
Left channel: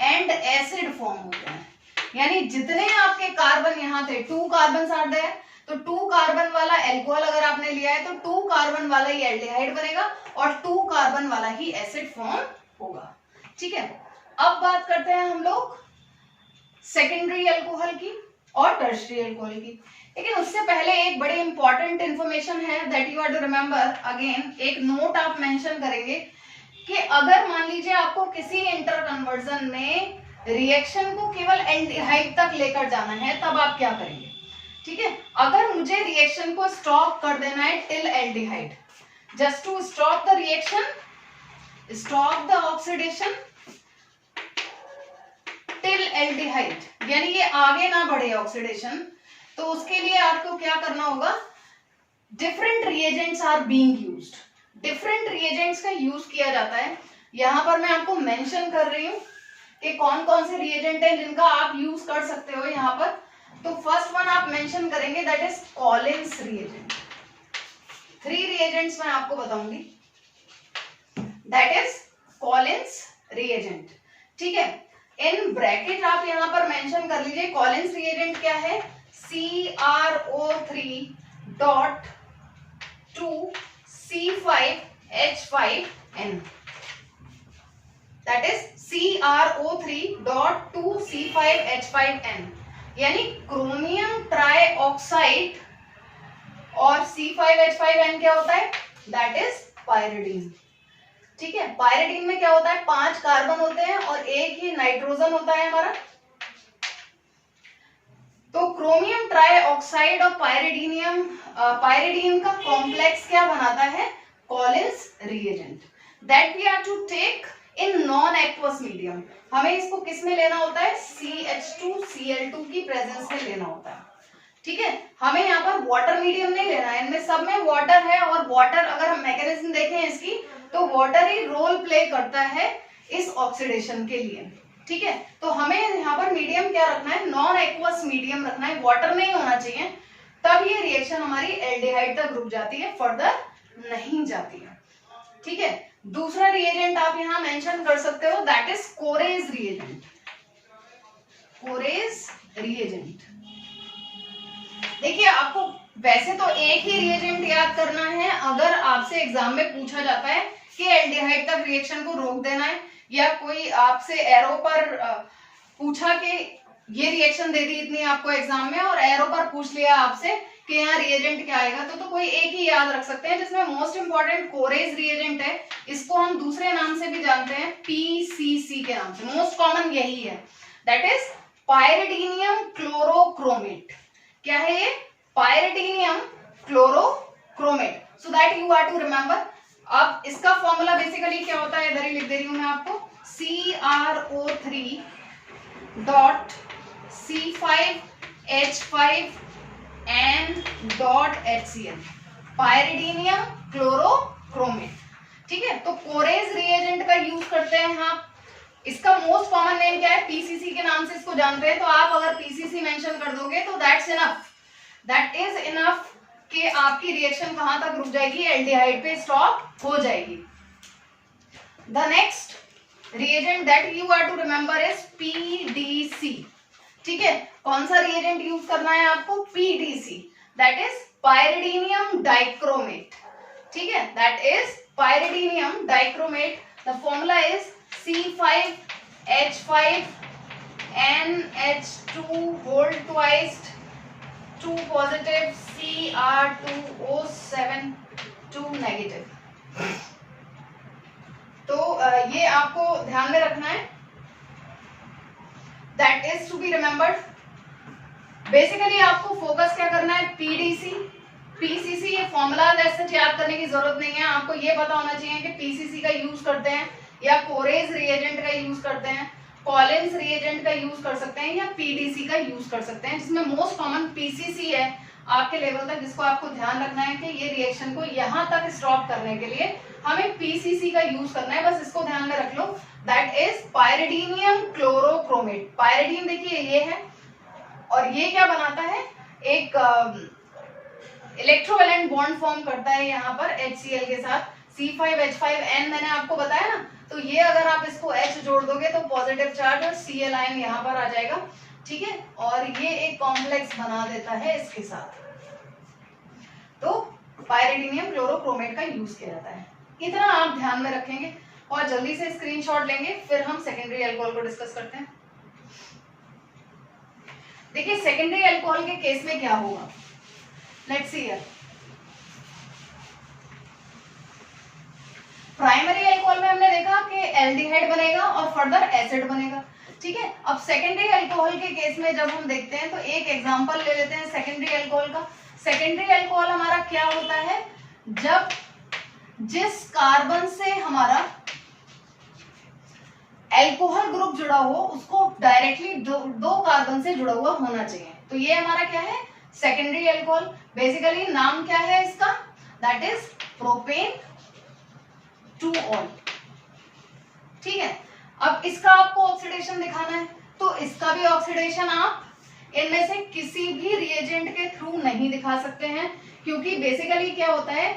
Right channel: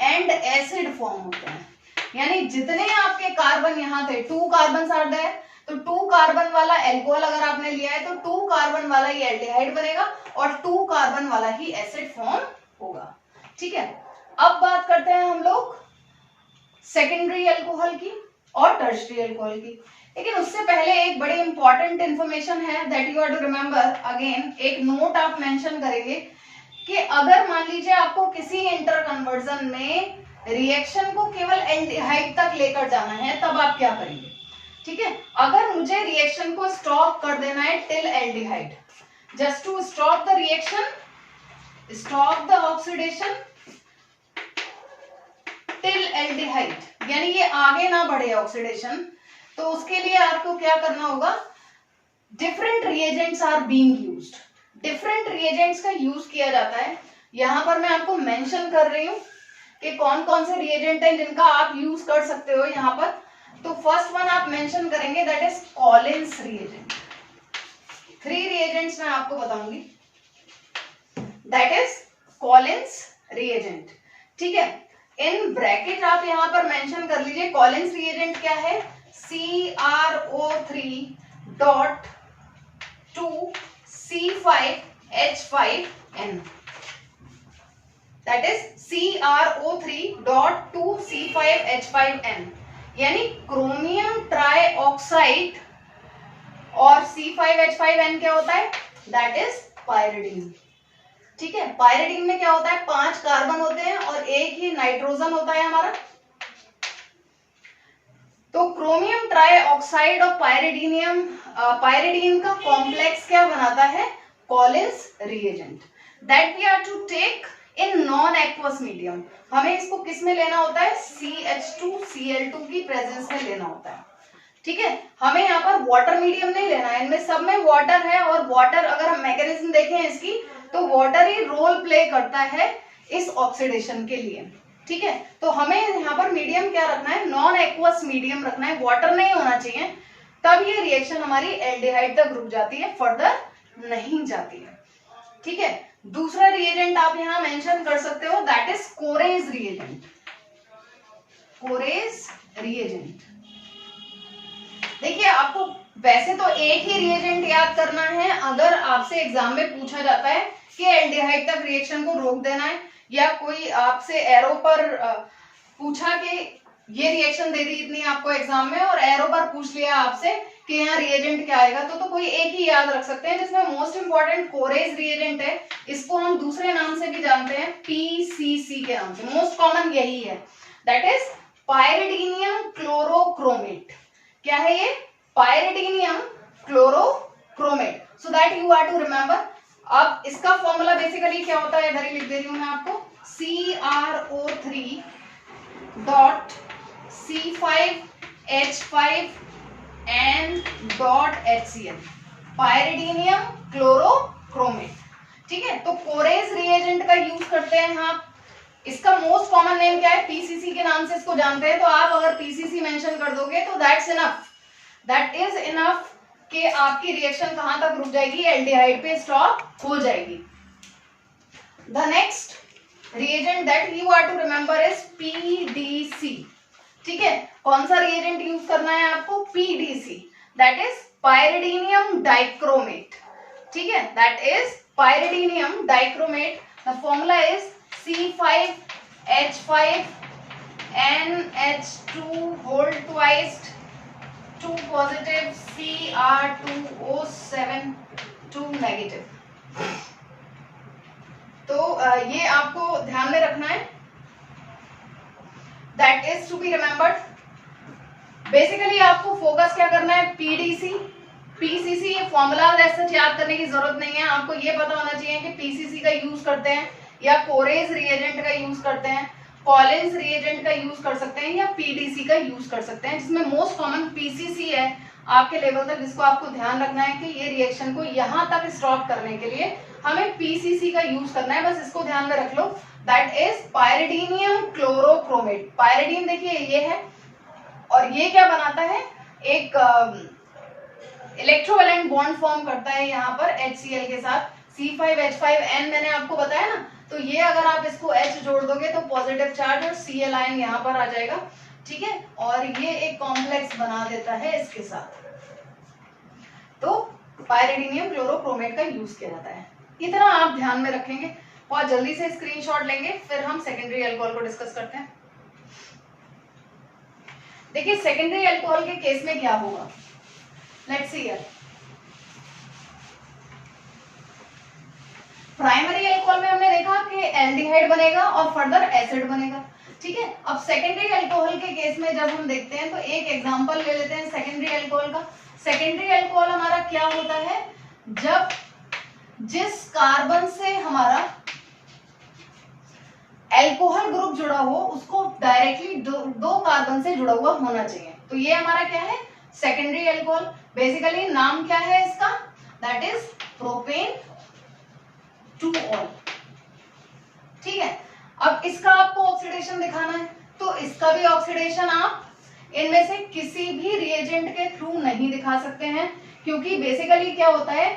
and acid form होते हैं, यानी जितने आपके कार्बन यहां थे, 2 कार्बन आर देयर, तो 2 कार्बन वाला एल्कोहल अगर आपने लिया है तो 2 कार्बन वाला ही एल्डिहाइड बनेगा और 2 कार्बन वाला ही एसिड फॉर्म होगा, ठीक है। अब बात करते हैं हम लोग सेकेंडरी अल्कोहल की और टर्शियरी अल्कोहल की। लेकिन उससे पहले एक बड़ी इंपॉर्टेंट इंफॉर्मेशन है that you are to remember. Again एक नोट आप मेंशन करेंगे कि अगर मान लीजिए आपको किसी इंटर कन्वर्जन में रिएक्शन को केवल एल्डिहाइड तक लेकर जाना है, तब आप क्या करेंगे। ठीक है, अगर मुझे रिएक्शन को स्टॉप कर देना है till aldehyde, just to stop the reaction, stop the oxidation till aldehyde, यानी ये आगे ना बढ़े ऑक्सीडेशन, तो उसके लिए आपको क्या करना होगा, different reagents are being used. Different reagents का यूज किया जाता है। यहां पर मैं आपको मेंशन कर रही हूं कि कौन कौन से रिएजेंट हैं जिनका आप यूज कर सकते हो यहां पर। तो फर्स्ट वन आप मेंशन करेंगे that is Collins reagent. 3 reagents मैं आपको बताऊंगी, दैट इज कॉलिन्स रिएजेंट। ठीक है, इन ब्रैकेट आप यहां पर मेंशन कर लीजिए कॉलिन्स रिएजेंट क्या है, CrO3.2C5H5N, दैट इज CrO3.2C5H5N, यानी क्रोमियम ट्राइऑक्साइड और C5H5N क्या होता है, दैट इज पायरिडीन। ठीक है, पायरिडीन में क्या होता है, 5 कार्बन होते हैं और एक ही नाइट्रोजन होता है हमारा। तो क्रोमियम ट्राइऑक्साइड और पायरिडीन का कॉम्प्लेक्स क्या बनाता है, Collins reagent, that we are to take in non aqueous medium. हमें इसको किस में लेना होता है, CH2Cl2 की प्रेजेंस में लेना होता है। ठीक है, हमें यहाँ पर वाटर मीडियम नहीं लेना है, इनमें सब में वाटर है, और वाटर अगर हम मैकेनिज्म देखें इसकी तो वाटर ही रोल प्ले करता है इस ऑक्सीडेशन के लिए। ठीक है, तो हमें यहाँ पर मीडियम क्या रखना है, नॉन एक्वस मीडियम रखना है, वाटर नहीं होना चाहिए, तब ये रिएक्शन हमारी एल्डिहाइड तक रुक जाती है, फर्दर नहीं जाती है। ठीक है, दूसरा रिएजेंट आप यहाँ मेंशन कर सकते हो दैट इज कोरेज रिएजेंट। कोरेज रिएजेंट, देखिए आपको वैसे तो एक ही रिएजेंट याद करना है। अगर आपसे एग्जाम में पूछा जाता है कि एल्डिहाइड तक रिएक्शन को रोक देना है, या कोई आपसे एरो पर पूछा कि ये रिएक्शन दे दी इतनी आपको एग्जाम में, और एरो पर पूछ लिया आपसे कि यहाँ रिएजेंट क्या आएगा, तो कोई एक ही याद रख सकते हैं, जिसमें मोस्ट इंपॉर्टेंट कोरेज रिएजेंट है। इसको हम दूसरे नाम से भी जानते हैं, PCC के नाम से, मोस्ट कॉमन यही है, दैट इज पायरिडीनियम क्लोरोक्रोमेट। क्या है ये, pyridinium chlorochromate, so that you are to remember. अब इसका फॉर्मूला बेसिकली क्या होता है, इधर ही लिख दे रही हूं मैं आपको, CrO3.C5H5N.HCl, पायरिडीनियम क्लोरोक्रोमेट। ठीक है, तो कोरेज रिएजेंट का यूज करते हैं हम। इसका मोस्ट कॉमन नेम क्या है, PCC के नाम से इसको जानते हैं। तो आप अगर PCC मेंशन कर दोगे तो that's enough, that is enough कि आपकी रिएक्शन कहां तक रुक जाएगी, एल्डिहाइड पे स्टॉप हो जाएगी। The next reagent that you are to remember is PDC। ठीक है, कौन सा रिएजेंट यूज करना है आपको, PDC, that is pyridinium dichromate. ठीक है, that is pyridinium dichromate. The formula is C5H5NH2 whole twice 2 positive Cr2O7 2 negative। तो ये आपको ध्यान में रखना है, that is to be remembered. Basically आपको फोकस क्या करना है, PDC PCC, ये फॉर्मूला जैसे याद करने की जरूरत नहीं है, आपको ये पता होना चाहिए कि PCC का यूज करते हैं या कोरेज रिएजेंट का यूज करते हैं, कॉलिन्स रिएजेंट का यूज कर सकते हैं, या PDC का यूज कर सकते हैं, जिसमें मोस्ट कॉमन PCC है आपके लेवल तक, जिसको आपको ध्यान रखना है कि ये रिएक्शन को यहां तक स्टॉप करने के लिए हमें PCC का यूज करना है, बस इसको ध्यान में रख लो, दैट इज पायरिडीनियम क्लोरोक्रोमेट। पायरिडीन देखिए ये है, और ये क्या बनाता है, एक इलेक्ट्रोवैलेंट बॉन्ड फॉर्म करता है यहाँ पर HCl के साथ, C5H5N मैंने आपको बताया ना, तो ये अगर आप इसको H जोड़ दोगे तो पॉजिटिव चार्ज और Cl आयन यहाँ पर आ जाएगा। ठीक है, और ये एक कॉम्प्लेक्स बना देता है इसके साथ, तो पायरिडीनियम क्लोरोक्रोमेट का यूज किया जाता है। इतना आप ध्यान में रखेंगे और जल्दी से स्क्रीनशॉट लेंगे, फिर हम सेकेंडरी अल्कोहल को डिस्कस करते हैं। देखिए सेकेंडरी अल्कोहल के केस में क्या होगा, let's see here. Primary alcohol में हमने देखा कि एल्डिहाइड बनेगा और फर्दर एसिड बनेगा, ठीक है। अब सेकेंडरी अल्कोहल के केस में जब हम देखते हैं तो एक एग्जांपल ले लेते हैं सेकेंडरी अल्कोहल का। सेकेंडरी अल्कोहल हमारा क्या होता है, जब जिस कार्बन से हमारा अल्कोहल ग्रुप जुड़ा हो उसको डायरेक्टली दो कार्बन से जुड़ा हुआ होना चाहिए, तो ये हमारा क्या है, सेकेंडरी अल्कोहल। बेसिकली नाम क्या है इसका, that is propane two all, ठीक है। अब इसका आपको ऑक्सीडेशन दिखाना है, तो इसका भी ऑक्सीडेशन आप इनमें से किसी भी रिएजेंट के थ्रू नहीं दिखा सकते हैं, क्योंकि बेसिकली क्या होता है,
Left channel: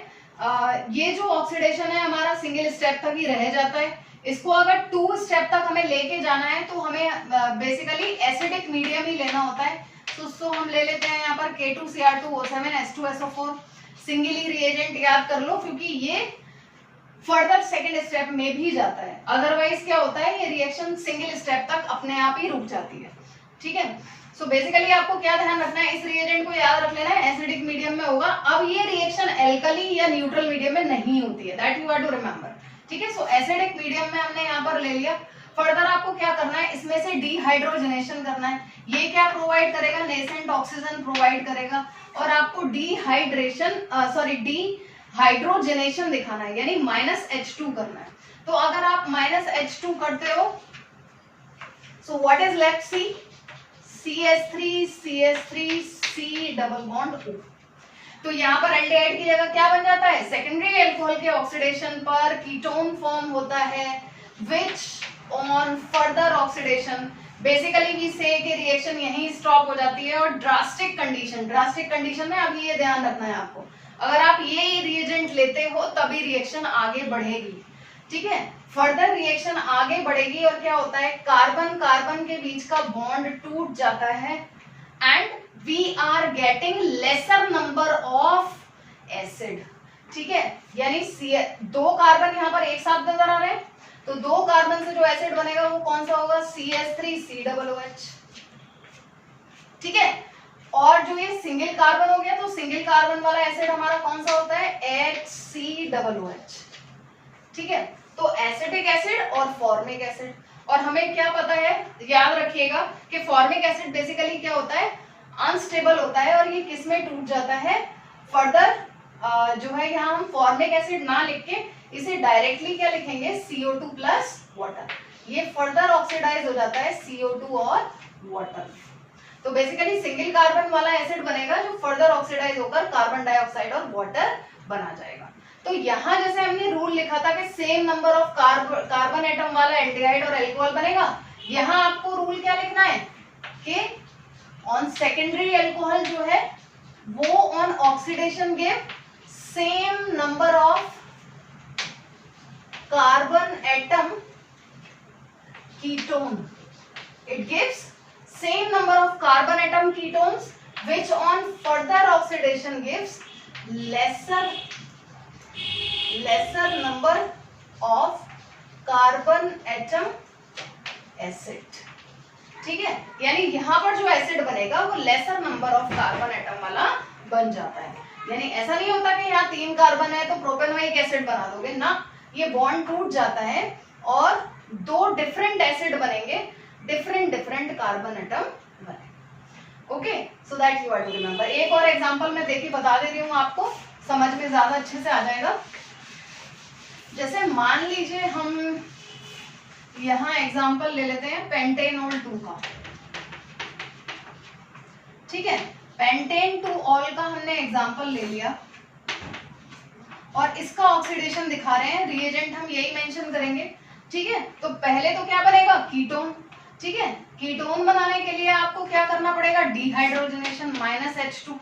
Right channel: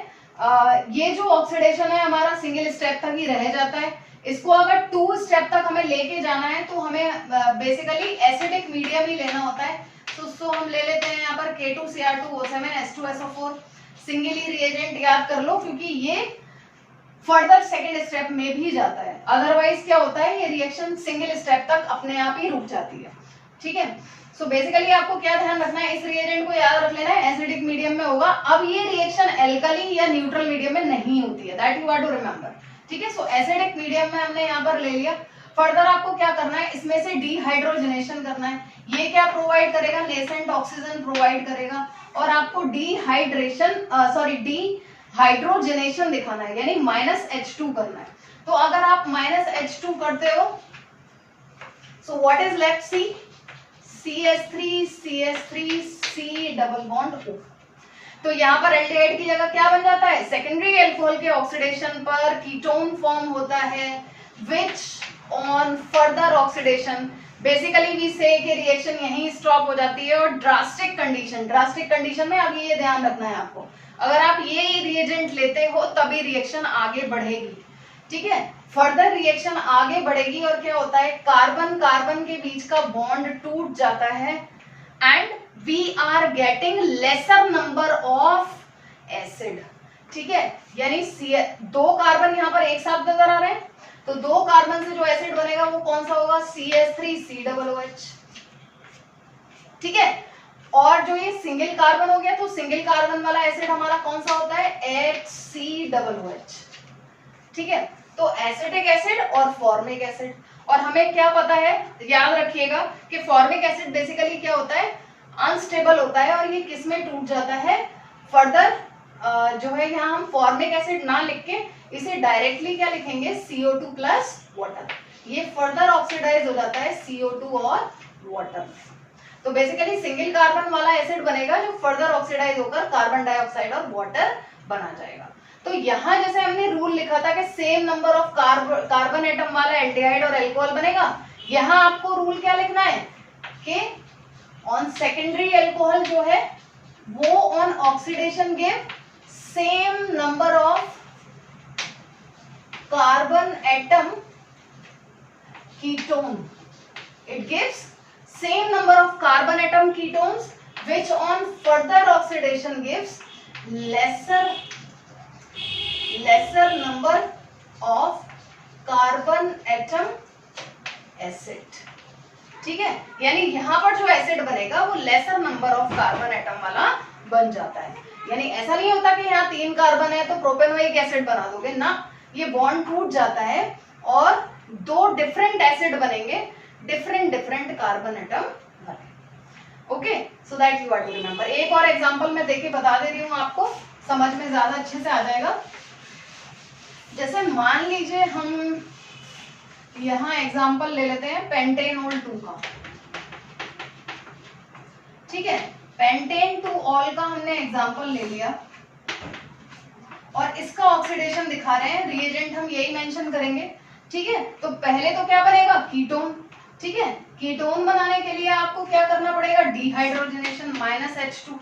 ये जो ऑक्सीडेशन है हमारा सिंगल स्टेप तक ही रह जाता है। इसको अगर 2 स्टेप तक हमें लेके जाना है तो हमें बेसिकली एसिडिक मीडियम ही लेना होता है। तो हम ले लेते हैं यहाँ पर K2Cr2O7 H2SO4 सिंगली रिएजेंट याद कर लो, क्योंकि ये फर्दर सेकेंड स्टेप में भी जाता है। अदरवाइज क्या होता है, ये रिएक्शन सिंगल स्टेप तक अपने आप ही रुक जाती है, ठीक है। सो बेसिकली आपको क्या ध्यान रखना है, इस रिएजेंट को याद रख लेना है, एसिडिक मीडियम में होगा। अब ये रिएक्शन एल्कली या न्यूट्रल मीडियम में नहीं होती है, that you have to remember, ठीक है। सो एसिडिक मीडियम में हमने यहाँ पर ले लिया। फर्दर आपको क्या करना है, इसमें से डिहाइड्रोजनेशन करना है। ये क्या प्रोवाइड करेगा, नेसेंट ऑक्सीजन प्रोवाइड करेगा, और आपको डिहाइड्रोजनेशन दिखाना है, यानी -H2 करना है। तो अगर आप -H2 करते हो, so what is left, CH3 C double bond O। तो यहाँ पर एल्डिहाइड की जगह क्या बन जाता है, सेकेंडरी अल्कोहल के ऑक्सीडेशन पर कीटोन फॉर्म होता है, which on further oxidation basically we say कि रिएक्शन यहीं स्टॉप हो जाती है। और ड्रास्टिक कंडीशन में अभी ये ध्यान रखना है आपको, अगर आप ये रिएजेंट लेते हो तभी रिएक्शन आगे बढ़ेगी, ठीक है। फर्दर रिएक्शन आगे बढ़ेगी और क्या होता है, कार्बन कार्बन के बीच का बॉन्ड टूट जाता है and we are getting lesser number of acid, ठीक है। यानी 2 कार्बन यहाँ पर एक साथ नजर आ रहे हैं, तो 2 कार्बन से जो एसिड बनेगा वो कौन सा होगा, CH3COOH, ठीक है। और जो ये सिंगल कार्बन हो गया, तो सिंगल कार्बन वाला एसिड हमारा कौन सा होता है, HCOOH, ठीक है। तो एसिटिक एसिड और फॉर्मिक एसिड, और हमें क्या पता है, याद रखिएगा कि फॉर्मिक एसिड बेसिकली क्या होता है, अनस्टेबल होता है, और ये किस में टूट जाता है, फर्दर जो है यहाँ हम फॉर्मिक एसिड ना लिख के इसे डायरेक्टली क्या लिखेंगे, CO2 प्लस वाटर, ये फर्दर ऑक्सीडाइज हो जाता है CO2 और वाटर। तो बेसिकली सिंगल कार्बन वाला एसिड बनेगा जो फर्दर ऑक्सीडाइज होकर कार्बन डाइऑक्साइड और वाटर बना जाएगा। तो यहाँ जैसे हमने रूल लिखा था कि same number of carbon atom वाला एल्डिहाइड और अल्कोहल बनेगा, यहाँ आपको रूल क्या लिखना है कि ऑन सेकेंडरी अल्कोहल जो है वो on oxidation give same number of carbon atom ketone, it gives same number of carbon atom ketones which on further oxidation gives lesser number of carbon atom acid, ठीक है। यानी यहाँ पर जो acid बनेगा वो laser number of carbon atom वाला बन जाता है। यानी ऐसा नहीं होता कि यहाँ 3 कार्बन है तो प्रोपेनोइक एसिड बना दोगे ना, ये बॉन्ड टूट जाता है और 2 डिफरेंट एसिड बनेंगे, डिफरेंट कार्बन एटम बने। Okay, so that you are to remember. एक और एग्जांपल मैं देके बता दे रही हूँ आपको, समझ में ज्यादा अच्छे से आ जाएगा। जैसे मान लीजिए हम यहाँ एग्जांपल ले लेते हैं पेंटेनॉल 2 का, ठीक है। पेंटेन टू ऑल का हमने एग्जांपल ले लिया और इसका ऑक्सीडेशन दिखा रहे हैं, रिएजेंट हम यही मेंशन करेंगे, ठीक है। तो पहले तो क्या बनेगा, कीटोन, ठीक है। कीटोन बनाने के लिए आपको क्या करना पड़ेगा, डिहाइड्रोजनेशन -H2,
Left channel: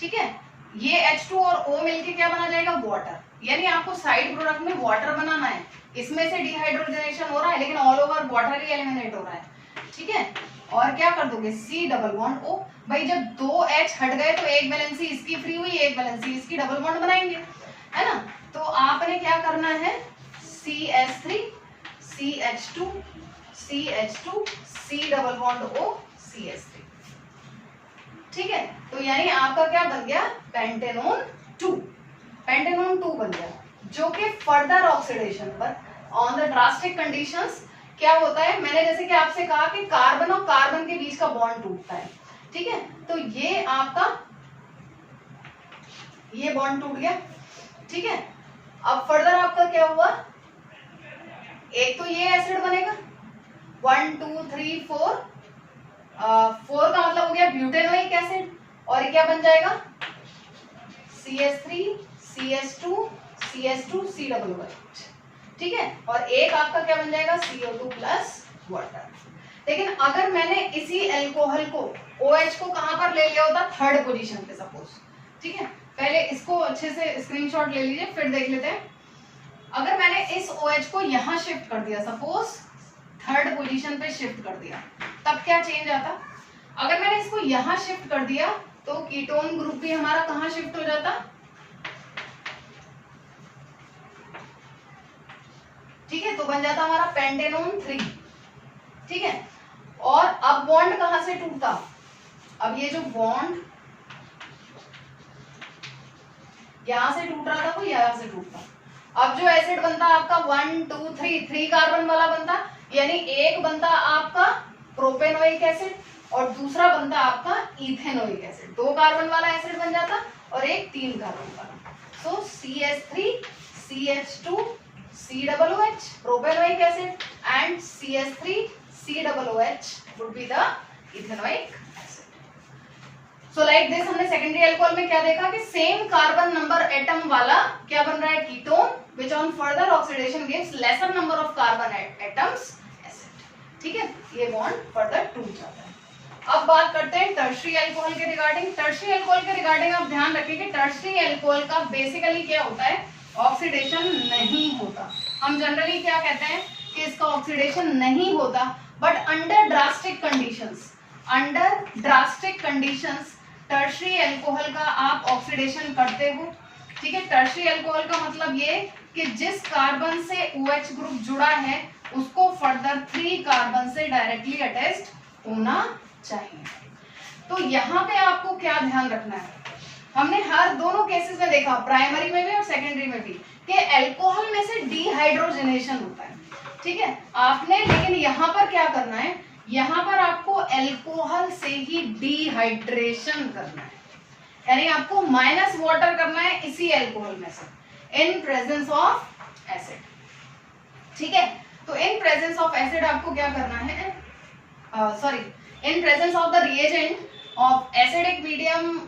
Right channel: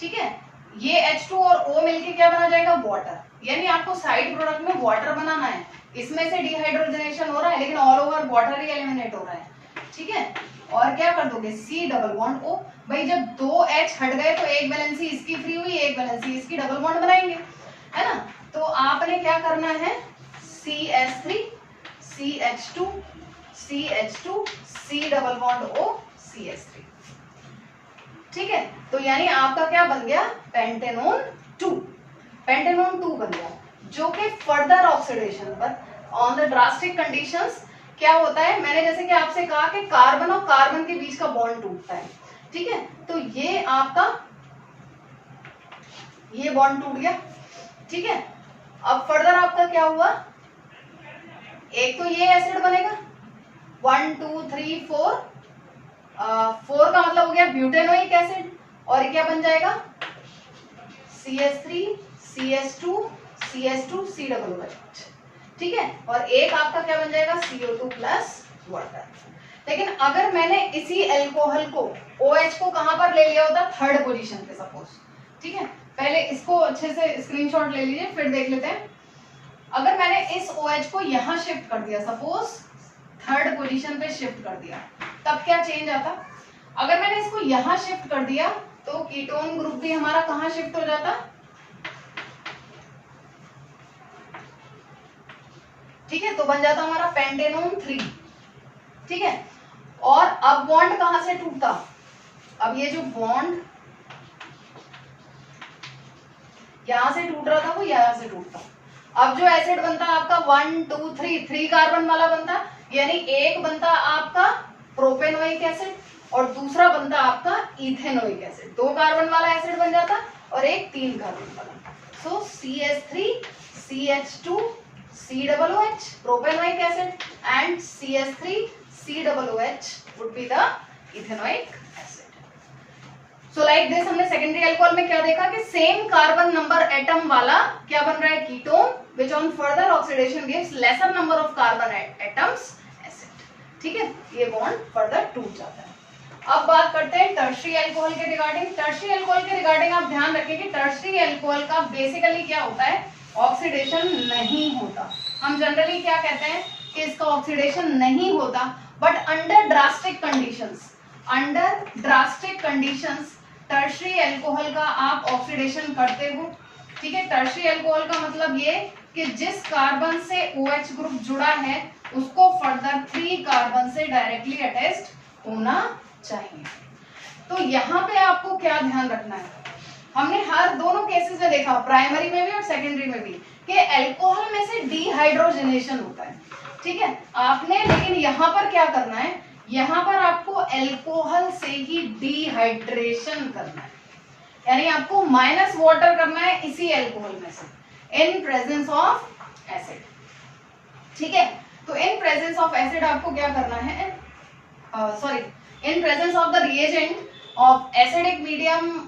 ठीक है। ये H2 और O मिलके क्या बना जाएगा, वाटर। यानी आपको साइड प्रोडक्ट में वाटर बनाना है, इसमें से डिहाइड्रोजनेशन हो रहा है लेकिन ऑल ओवर वाटर ही एलिमिनेट हो रहा है, ठीक है। और क्या कर दोगे, C डबल बॉन्ड O। भाई जब 2 H हट गए तो एक वैलेंसी इसकी फ्री हुई, एक वैलेंसी इसकी, डबल बॉन्ड बनाएंगे, है ना। तो आपने क्या करना है, CH3 CH2 CH2 C double bond O CH3, ठीक है, तो यानी आपका क्या बन गया, पेंटेनोन 2, पेंटेनोन 2 बन गया, जो कि फर्दर ऑक्सीडेशन पर ऑन द ड्रास्टिक कंडीशंस क्या होता है, मैंने जैसे कि आपसे कहा कि कार्बन और कार्बन के बीच का बॉन्ड टूटता है, ठीक है, तो ये आपका ये बॉन्ड टूट गया, ठीक है। अब फर्दर आपका क्या हुआ, एक तो ये एसिड बनेगा 1 2 3 4, 4 का मतलब हो गया ब्यूटेनोइक एसिड, और ये क्या बन जाएगा CH3 CH2 CH2 COOH, ठीक है, और एक आपका क्या बन जाएगा CO2 प्लस वाटर। लेकिन अगर मैंने इसी अल्कोहल को OH को कहां पर ले लिया होता, थर्ड पोजीशन पे सपोज, ठीक है, पहले इसको अच्छे से स्क्रीनशॉट ले लीजिए फिर देख लेते हैं। अगर मैंने इस OH को यहां शिफ्ट कर दिया, सपोज थर्ड पोजीशन पे शिफ्ट कर दिया, तब क्या चेंज आता, अगर मैंने इसको यहां शिफ्ट कर दिया तो कीटोन ग्रुप भी हमारा कहां शिफ्ट हो जाता, ठीक है, तो बन जाता हमारा पेंटेनोन 3, ठीक है। और अब बॉन्ड कहां से टूटता, अब ये जो बॉन्ड यहां से टूट रहा था वो यहां से टूटता, अब जो एसिड बनता आपका 1 2 3 कार्बन वाला बनता, यानी एक बनता आपका प्रोपेनोइक एसिड और दूसरा बनता आपका इथेनोइक एसिड, 2 कार्बन वाला एसिड बन जाता और एक 3 कार्बन वाला, सो CH3 CH2 COOH propanoic acid and CH3 COOH would be the ethanoic acid. So like this हमने सेकेंडरी अल्कोहल में क्या देखा कि सेम कार्बन नंबर एटम वाला क्या बन रहा है, ketone, which on further oxidation gives lesser number of carbon atoms acid, ठीक है, ये बॉन्ड फर्दर टूट जाता है। अब बात करते हैं टर्शियरी अल्कोहल के रिगार्डिंग। टर्शियरी अल्कोहल के रिगार्डिंग आप ध्यान रखें कि टर्शियरी अल्कोहल का बेसिकली क्या होता है, ऑक्सीडेशन नहीं होता। हम जनरली क्या कहते हैं कि इसका ऑक्सीडेशन नहीं होता, but under drastic conditions, under drastic conditions tertiary alcohol का आप ऑक्सीडेशन करते हो, ठीक है। टर्शियरी अल्कोहल का मतलब ये कि जिस कार्बन से OH ग्रुप जुड़ा है उसको फर्दर 3 कार्बन से डायरेक्टली अटैच्ड होना चाहिए। तो यहाँ पे आपको क्या ध्यान रखना है, हमने हर दोनों केसेस में देखा, प्राइमरी में भी और सेकेंडरी में भी, कि अल्कोहल में से डिहाइड्रोजनेशन होता है, ठीक है, आपने लेकिन यहाँ पर क्या करना है, यहाँ पर आपको अल्कोहल से ही डिहाइड्रेशन करना है, यानी आपको माइनस वाटर करना है इसी अल्कोहल में से इन प्रेजेंस ऑफ एसिड, ठीक है। तो इन प्रेजेंस ऑफ एसिड आपको क्या करना है, sorry, in presence of the reagent of acidic medium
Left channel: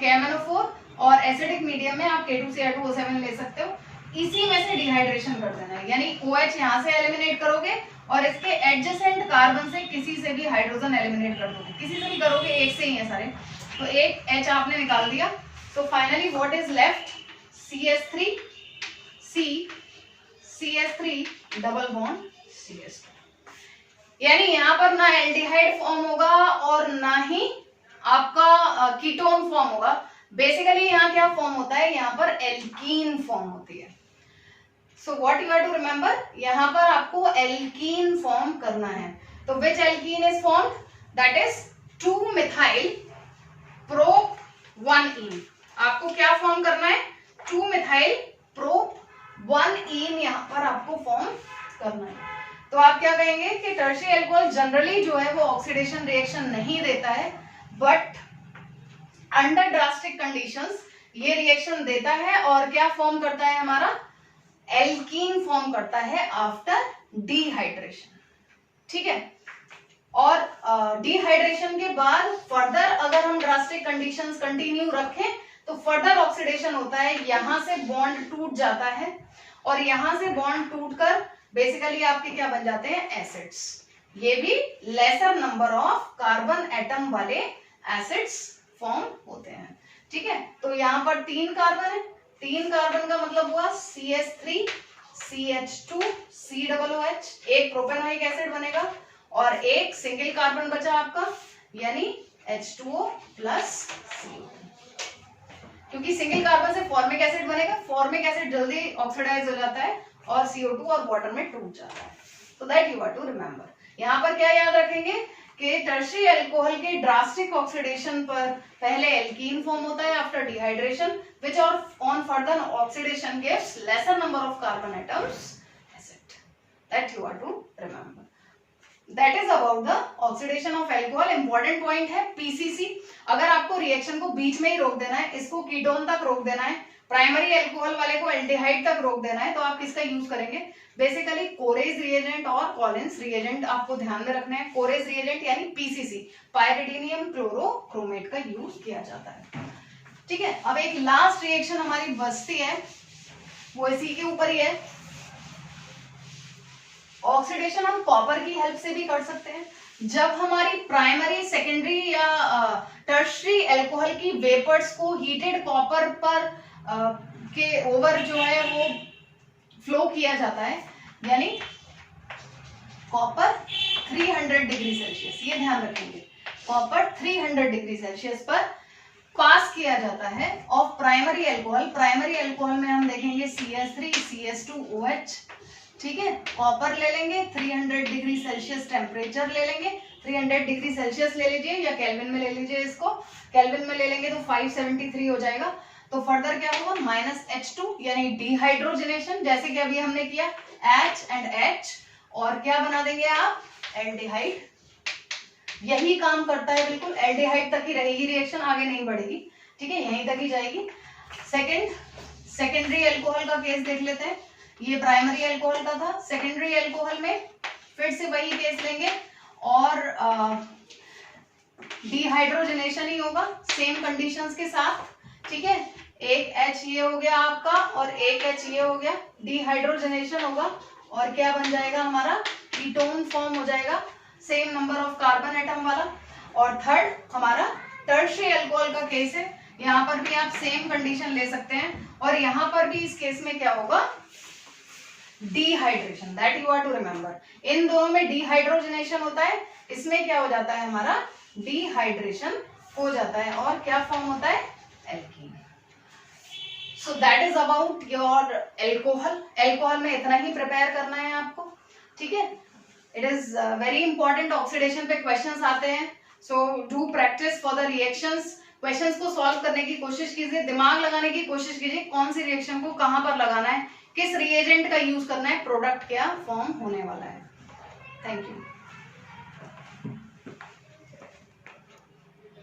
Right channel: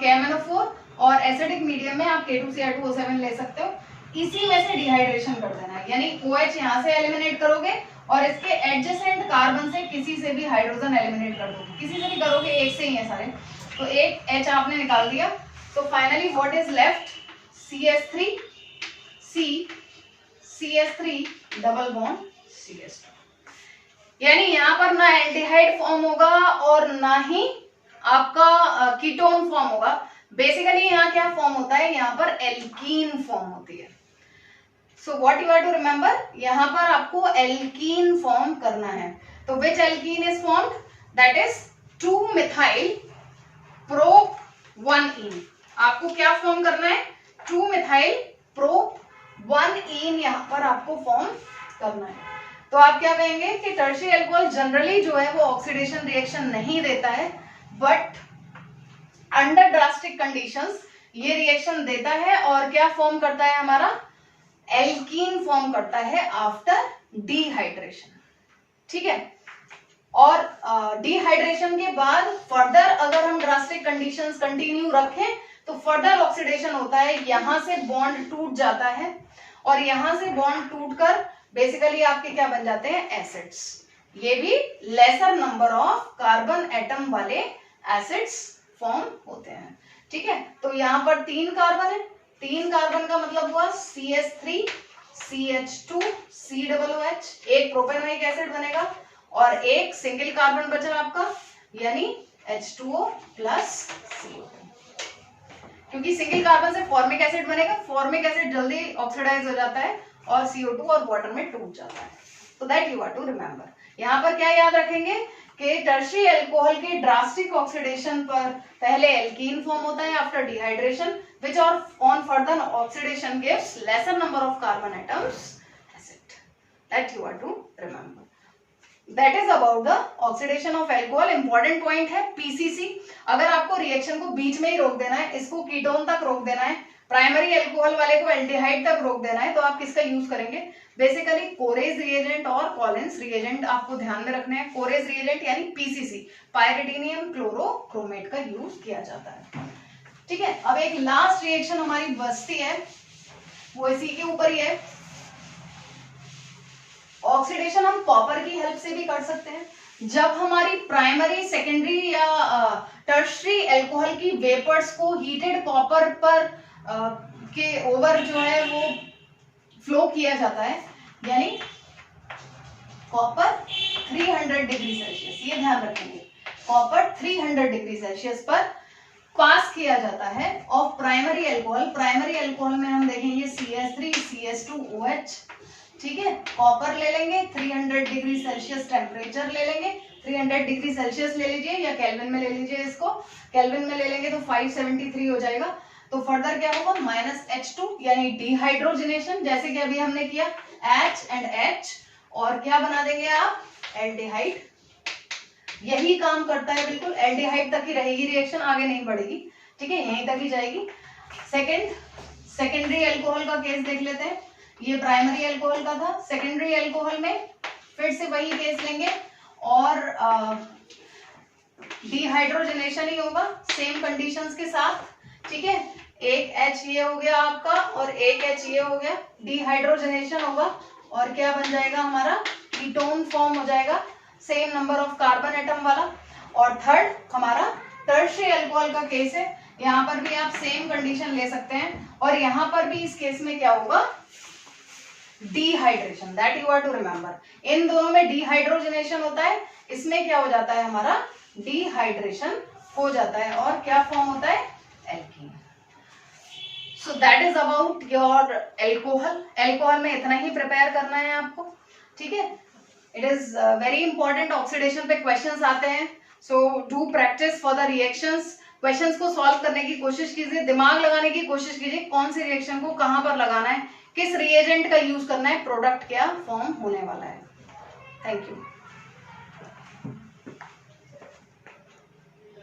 KMnO4 और एसिडिक मीडियम में आप K2Cr2O7 ले सकते हो, इसी में से डिहाइड्रेशन कर देना है, यानी OH यहाँ से एलिमिनेट करोगे और इसके एडजेसेंट कार्बन से किसी से भी हाइड्रोजन एलिमिनेट कर दोगे, किसी से भी करोगे, एक से ही है सारे, तो एक H आपने निकाल दिया, तो finally what is left, CH3 C CH3 double bond CH2, यानी यहाँ पर ना एल्डिहाइड फॉर्म होगा और ना ही आपका कीटोन फॉर्म होगा। बेसिकली यहाँ क्या फॉर्म होता है, यहाँ पर एल्कीन फॉर्म होती है। So what you have to remember, यहाँ पर आपको एल्कीन फॉर्म करना है, तो which alkene is formed, that is 2-methyl prop 1-ene, आपको क्या फॉर्म करना है, 2-methyl प्रोप 1-ene यहाँ पर आपको फॉर्म करना है। तो आप क्या कहेंगे कि टर्शियरी अल्कोहल जनरली जो है वो ऑक्सीडेशन रिएक्शन नहीं देता है, बट अंडर ड्रास्टिक कंडीशंस ये रिएक्शन देता है और क्या फॉर्म करता है, हमारा एल्कीन फॉर्म करता है आफ्टर डिहाइड्रेशन, ठीक है। और डिहाइड्रेशन के बाद फर्दर अगर हम ड्रास्टिक कंडीशंस कंटिन्यू रखें तो फर्दर ऑक्सीडेशन होता है, यहां से बॉन्ड टूट जाता है और यहां से बॉन्ड टूटकर बेसिकली आपके क्या बन जाते हैं, एसिड्स, ये भी laser number of carbon atom वाले एसिड्स फॉर्म होते हैं, ठीक है। तो यहाँ पर 3 कार्बन है, 3 कार्बन का मतलब हुआ CH3 CH2 COOH, एक प्रोपेनोइक एसिड बनेगा और एक सिंगल कार्बन बचा आपका, यानी H2O प्लस CO2, क्योंकि सिंगल कार्बन से फॉर्मिक एसिड बनेगा, फॉर्मिक एसिड जल्दी ऑक्सीडाइज हो जाता है और CO2 और वाटर में टूट जाता है, तो that you have to remember. यहाँ पर क्या याद रखेंगे कि टर्शियरी अल्कोहल के ड्रास्टिक ऑक्सीडेशन पर पहले एल्कीन फॉर्म होता है after dehydration, which on further oxidation gives lesser number of carbon atoms acid. That you are to remember. That is about the oxidation of alcohol. Important point है PCC. अगर आपको reaction को बीच में ही रोक देना है, इसको कीटोन तक रोक देना है, प्राइमरी अल्कोहल वाले को एल्डिहाइड तक रोक देना है, तो आप किसका यूज करेंगे? बेसिकली कोरेज रिएजेंट और कॉलिन्स रिएजेंट आपको ध्यान में रखने हैं. कोरेज रिएजेंट यानी पीसीसी, पायरिडीनियम क्लोरोक्रोमेट का यूज किया जाता है. ठीक है. अब एक लास्ट रिएक्शन हमारी बचती है, वो इसी के ऊपर ही है. ऑक्सीडेशन हम कॉपर की हेल्प से भी कर सकते हैं. जब हमारी प्राइमरी, सेकेंडरी या टर्शरी अल्कोहल की वेपर्स को हीटेड कॉपर पर के ओवर जो है वो फ्लो किया जाता है, यानी कॉपर 300 डिग्री सेल्सियस, ये ध्यान रखेंगे, कॉपर 300 डिग्री सेल्सियस पर पास किया जाता है of primary alcohol. Primary alcohol में हम देखेंगे CH3, CH2OH. ठीक है. कॉपर ले लेंगे, 300 डिग्री सेल्सियस टेम्परेचर ले लेंगे, 300 डिग्री सेल्सियस ले लीजिए या केल्विन में ले लीजिए. इसको केल्विन में ले लेंगे तो 573 हो जाएगा. तो फर्दर क्या होगा? -H2 यानी डिहाइड्रोजनेशन, जैसे कि अभी हमने किया H and H, और क्या बना देंगे आप? एल्डिहाइड. यही काम करता है बिल्कुल. एल्डिहाइड तक ही रहेगी रिएक्शन, आगे नहीं बढ़ेगी. ठीक है, यहीं तक ही जाएगी. सेकेंडरी अल्कोहल का केस देख लेते हैं. ये प्राइमरी अल्कोहल का था. सेकेंडरी अल्कोहल में फिर से वही केस लेंगे और डिहाइड्रोजनेशन ही होगा सेम कंडीशंस के साथ. ठीक है. एक H ये हो गया आपका और एक H ये हो गया. डिहाइड्रोजनेशन होगा और क्या बन जाएगा हमारा? कीटोन फॉर्म हो जाएगा, same number of carbon atom वाला. और थर्ड हमारा टर्शियरी अल्कोहल का केस है. यहाँ पर भी आप सेम कंडीशन ले सकते हैं और यहाँ पर भी इस केस में क्या होगा? Dehydration. That you are to remember. इन दोनों में डिहाइड्रोजनेशन होता है, इसमें क्या हो जाता है हमारा? डिहाइड्रेशन हो जाता है और क्या फॉर्म होता है? Alkene. So that is about your alcohol. Alcohol में इतना ही प्रिपेयर करना है आपको. ठीक है. It is very important. Oxidation पे क्वेश्चंस आते हैं, so do practice for the reactions. Questions को सॉल्व करने की कोशिश कीजिए, दिमाग लगाने की कोशिश कीजिए, कौन सी रिएक्शन को कहां पर लगाना है, किस रिएजेंट का यूज करना है, प्रोडक्ट क्या फॉर्म होने वाला है. Thank you.